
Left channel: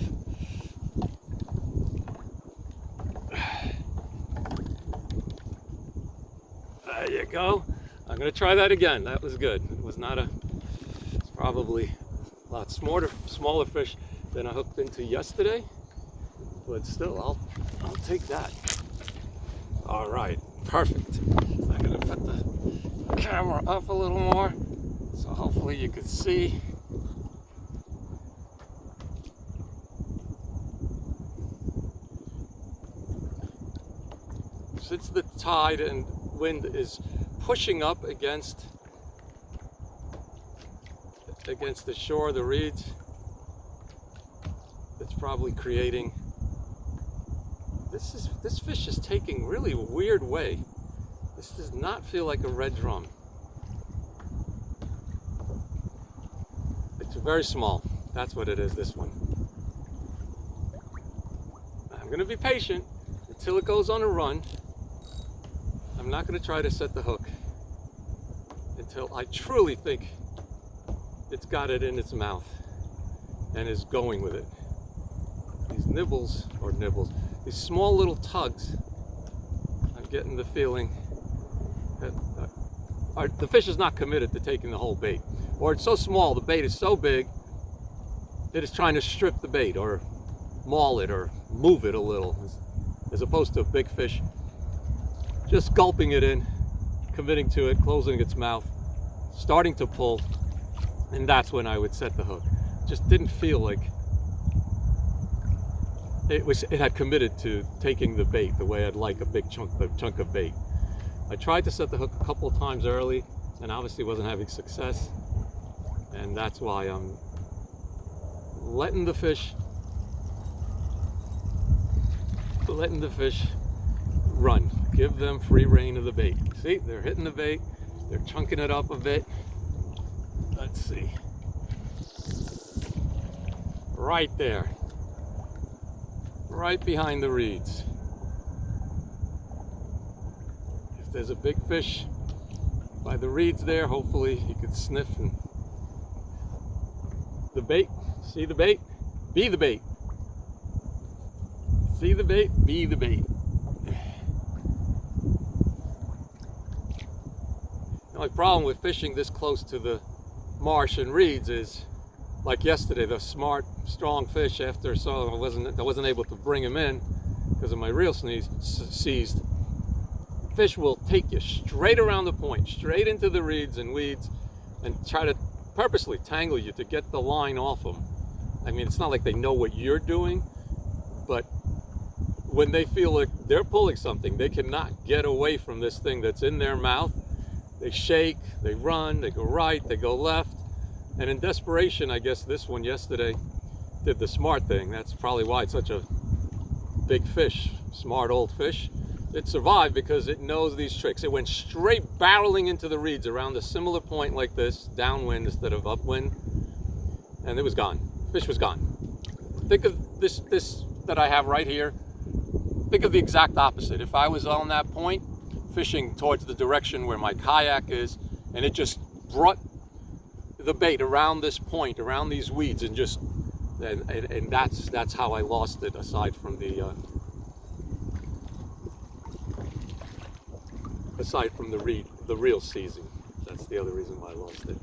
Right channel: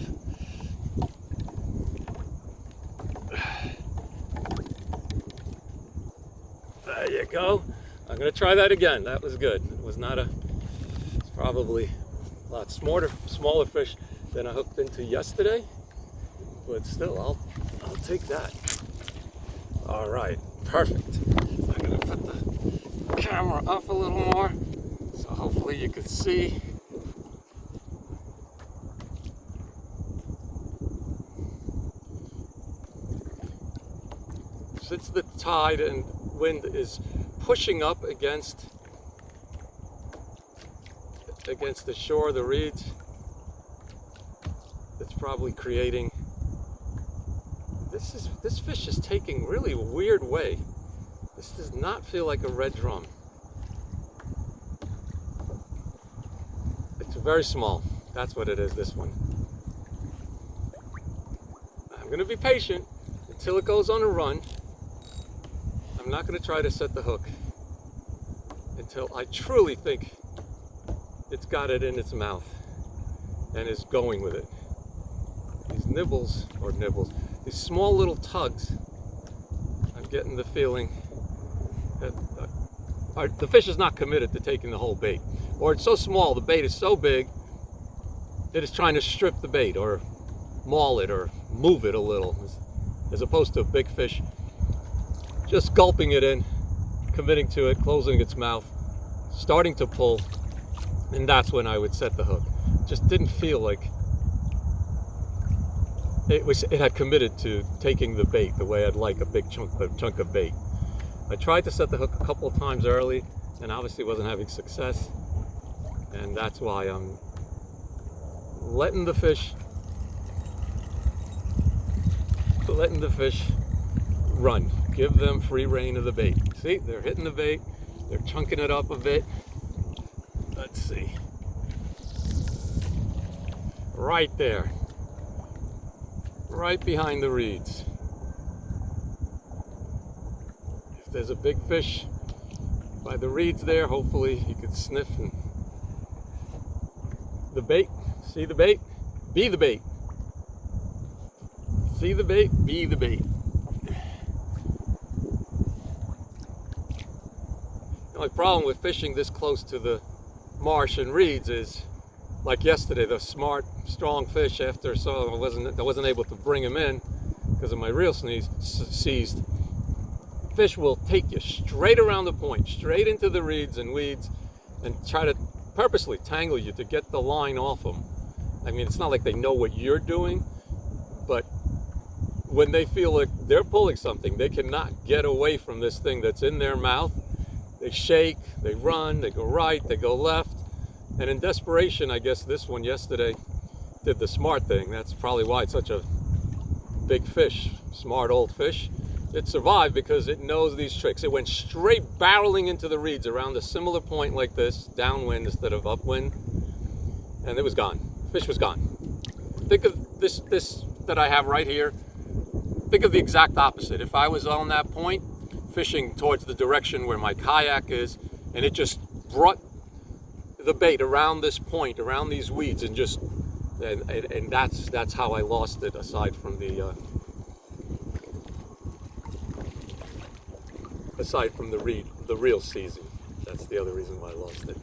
There you go. I'm gonna try that again. That was good. It was not it's probably a lot smaller fish than I hooked into yesterday, but still, I'll take that. All right, perfect. I'm gonna put the camera up a little more, so hopefully you can see. Since the tide and wind is pushing up against the shore, the reeds, it's probably creating, this fish is taking really a weird way. This does not feel like a red drum. It's very small. That's what it is, this one. I'm gonna be patient until it goes on a run. I'm not going to try to set the hook until I truly think it's got it in its mouth and is going with it. These these small little tugs, I'm getting the feeling that the fish is not committed to taking the whole bait. Or it's so small, the bait is so big, it is trying to strip the bait or maul it or move it a little, as opposed to a big fish just gulping it in, committing to it, closing its mouth, starting to pull, and that's when I would set the hook. Just didn't feel like it had committed to taking the bait the way I'd like a big chunk of bait. I tried to set the hook a couple of times early and obviously wasn't having success, and that's why I'm letting the fish run. Give them free rein of the bait. See, they're hitting the bait, they're chunking it up a bit. Let's see. Right there. Right behind the reeds. If there's a big fish by the reeds there, hopefully you could sniff and the bait. See the bait? Be the bait. See the bait? Be the bait. The only problem with fishing this close to the marsh and reeds is, like yesterday, the smart, strong fish, after I wasn't able to bring him in because of my reel seized. Fish will take you straight around the point, straight into the reeds and weeds, and try to purposely tangle you to get the line off them. I mean, it's not like they know what you're doing, but when they feel like they're pulling something, they cannot get away from this thing that's in their mouth. They shake, they run, they go right, they go left. And in desperation, I guess this one yesterday did the smart thing. That's probably why it's such a big fish, smart old fish. It survived because it knows these tricks. It went straight barreling into the reeds around a similar point like this, downwind instead of upwind, and it was gone. Fish was gone. think of this that I have right here. Think of the exact opposite. If I was on that point, fishing towards the direction where my kayak is, and it just brought the bait around this point, around these weeds, and that's how I lost it. Aside from the real season, that's the other reason why I lost it.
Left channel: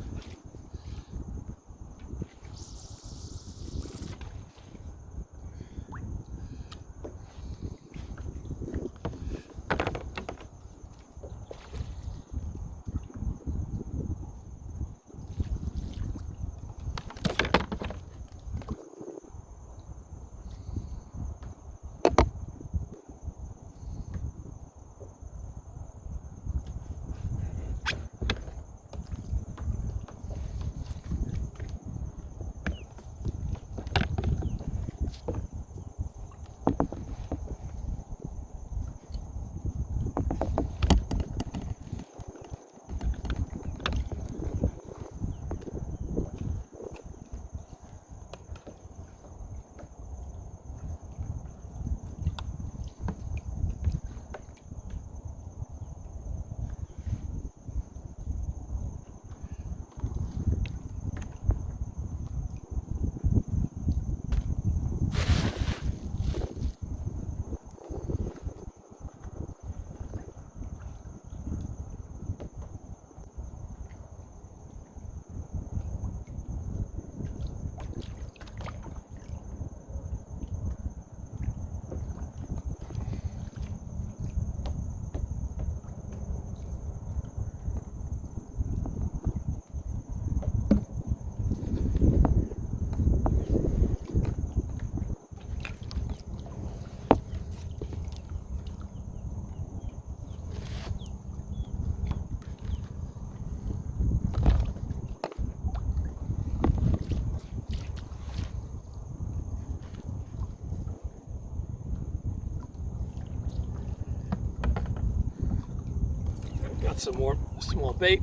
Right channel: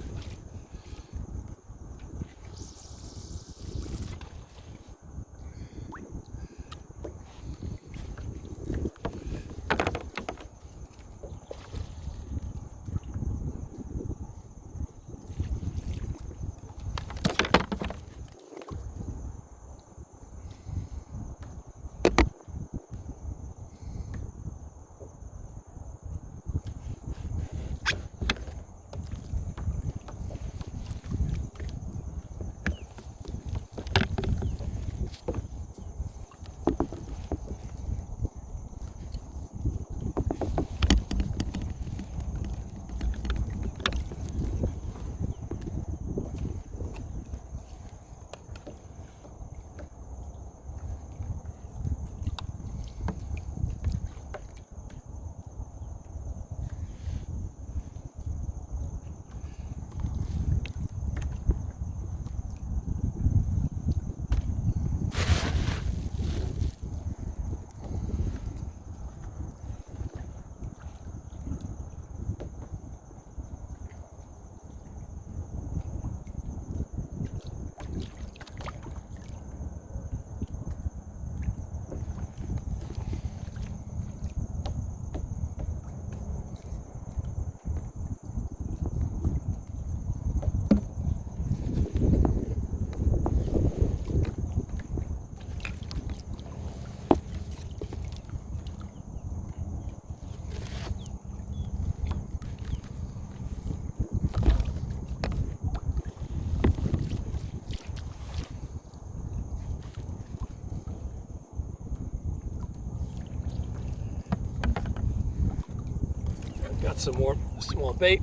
Got some more small bait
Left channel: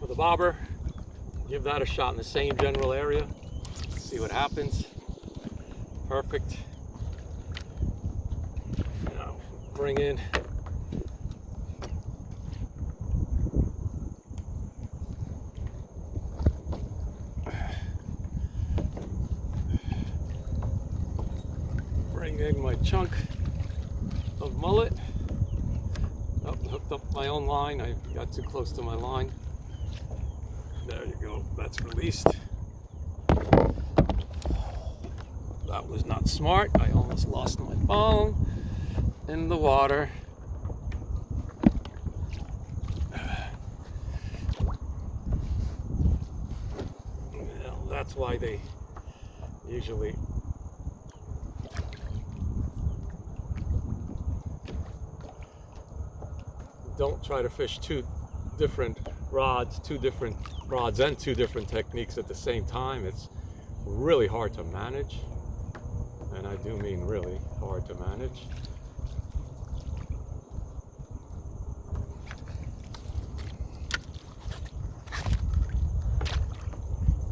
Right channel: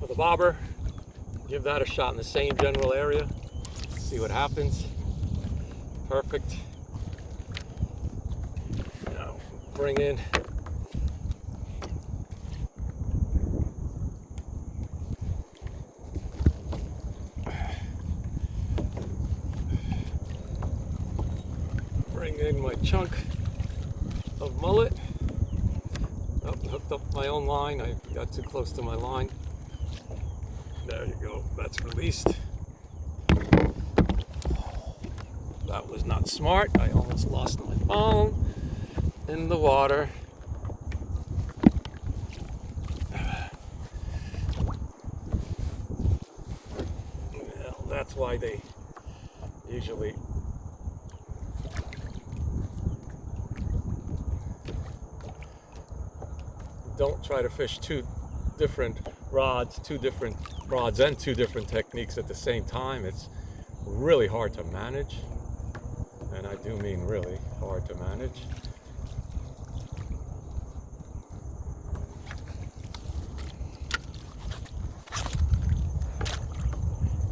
with a bobber. Give that a shot in the same general area. See what happens. Perfect. Now bring in my chunk of mullet. Oh, hooked up my own line. I got too close to my line. There you go. That's released. That was not smart. I almost lost my phone in the water. Well, that's why they usually don't try to fish two different rods and two different techniques at the same time. It's really hard to manage, and I do mean really hard to manage.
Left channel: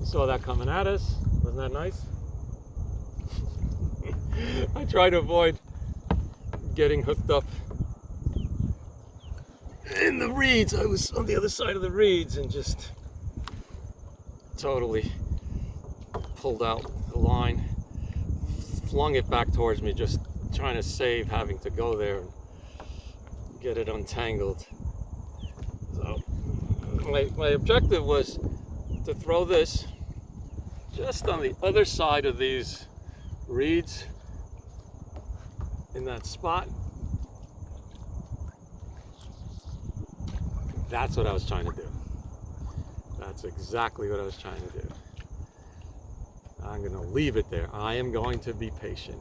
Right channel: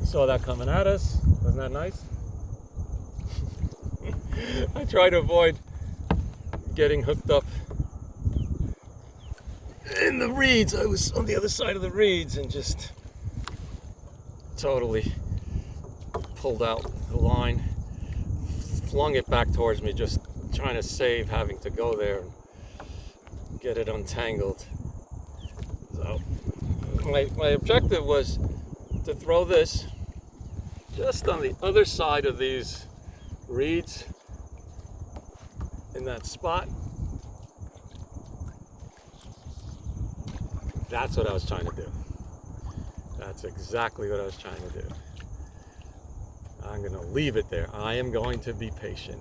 You saw that coming at us. Wasn't that nice? I try to avoid getting hooked up in the reeds. I was on the other side of the reeds and just totally pulled out the line, flung it back towards me, just trying to save having to go there and get it untangled. So my objective was to throw this just on the other side of these reeds in that spot. That's what I was trying to do. That's exactly what I was trying to do. I'm going to leave it there. I am going to be patient.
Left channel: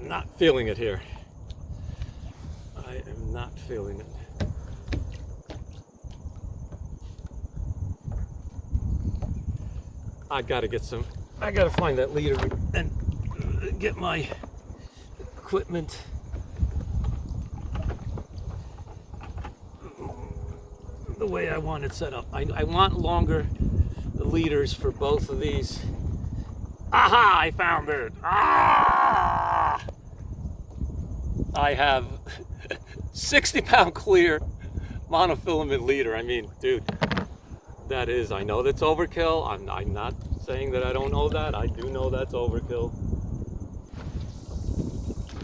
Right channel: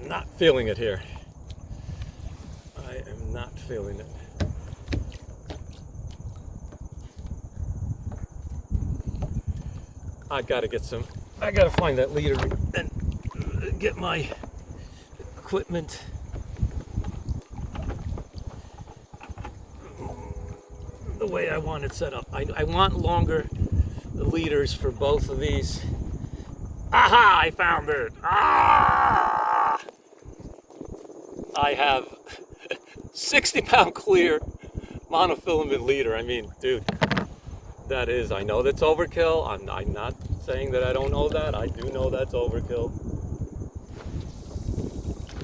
I'm not feeling it here. I am not feeling it. I gotta find that leader and get my equipment. The way I want it set up. I want longer leaders for both of these. Aha! I found it! Ah! I have 60-pound clear monofilament leader. I mean, dude, that is, I know that's overkill. I'm not saying that I don't know that. I do know that's overkill.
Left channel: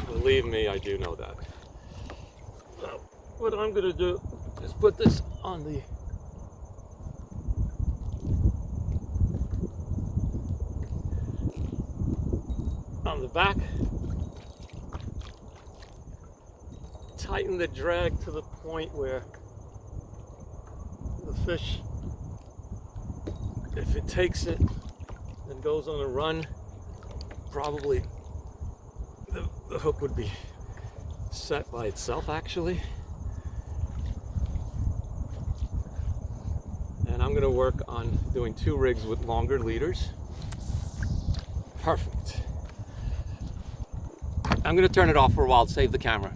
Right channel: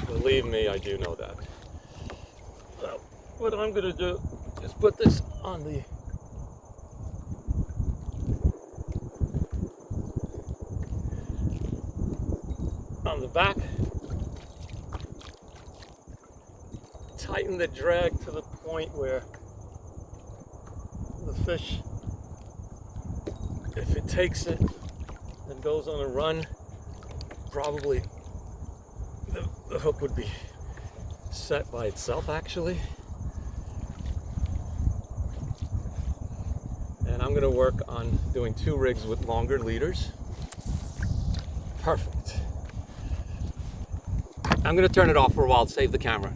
Believe me, I do know that. So, what I'm gonna do is put this on the back. Tighten the drag to the point where the fish, if it takes it and goes on a run, probably the hook would be set by itself actually. And I'm gonna work on doing 2 rigs with longer leaders. Perfect. I'm gonna turn it off for a while to save the camera.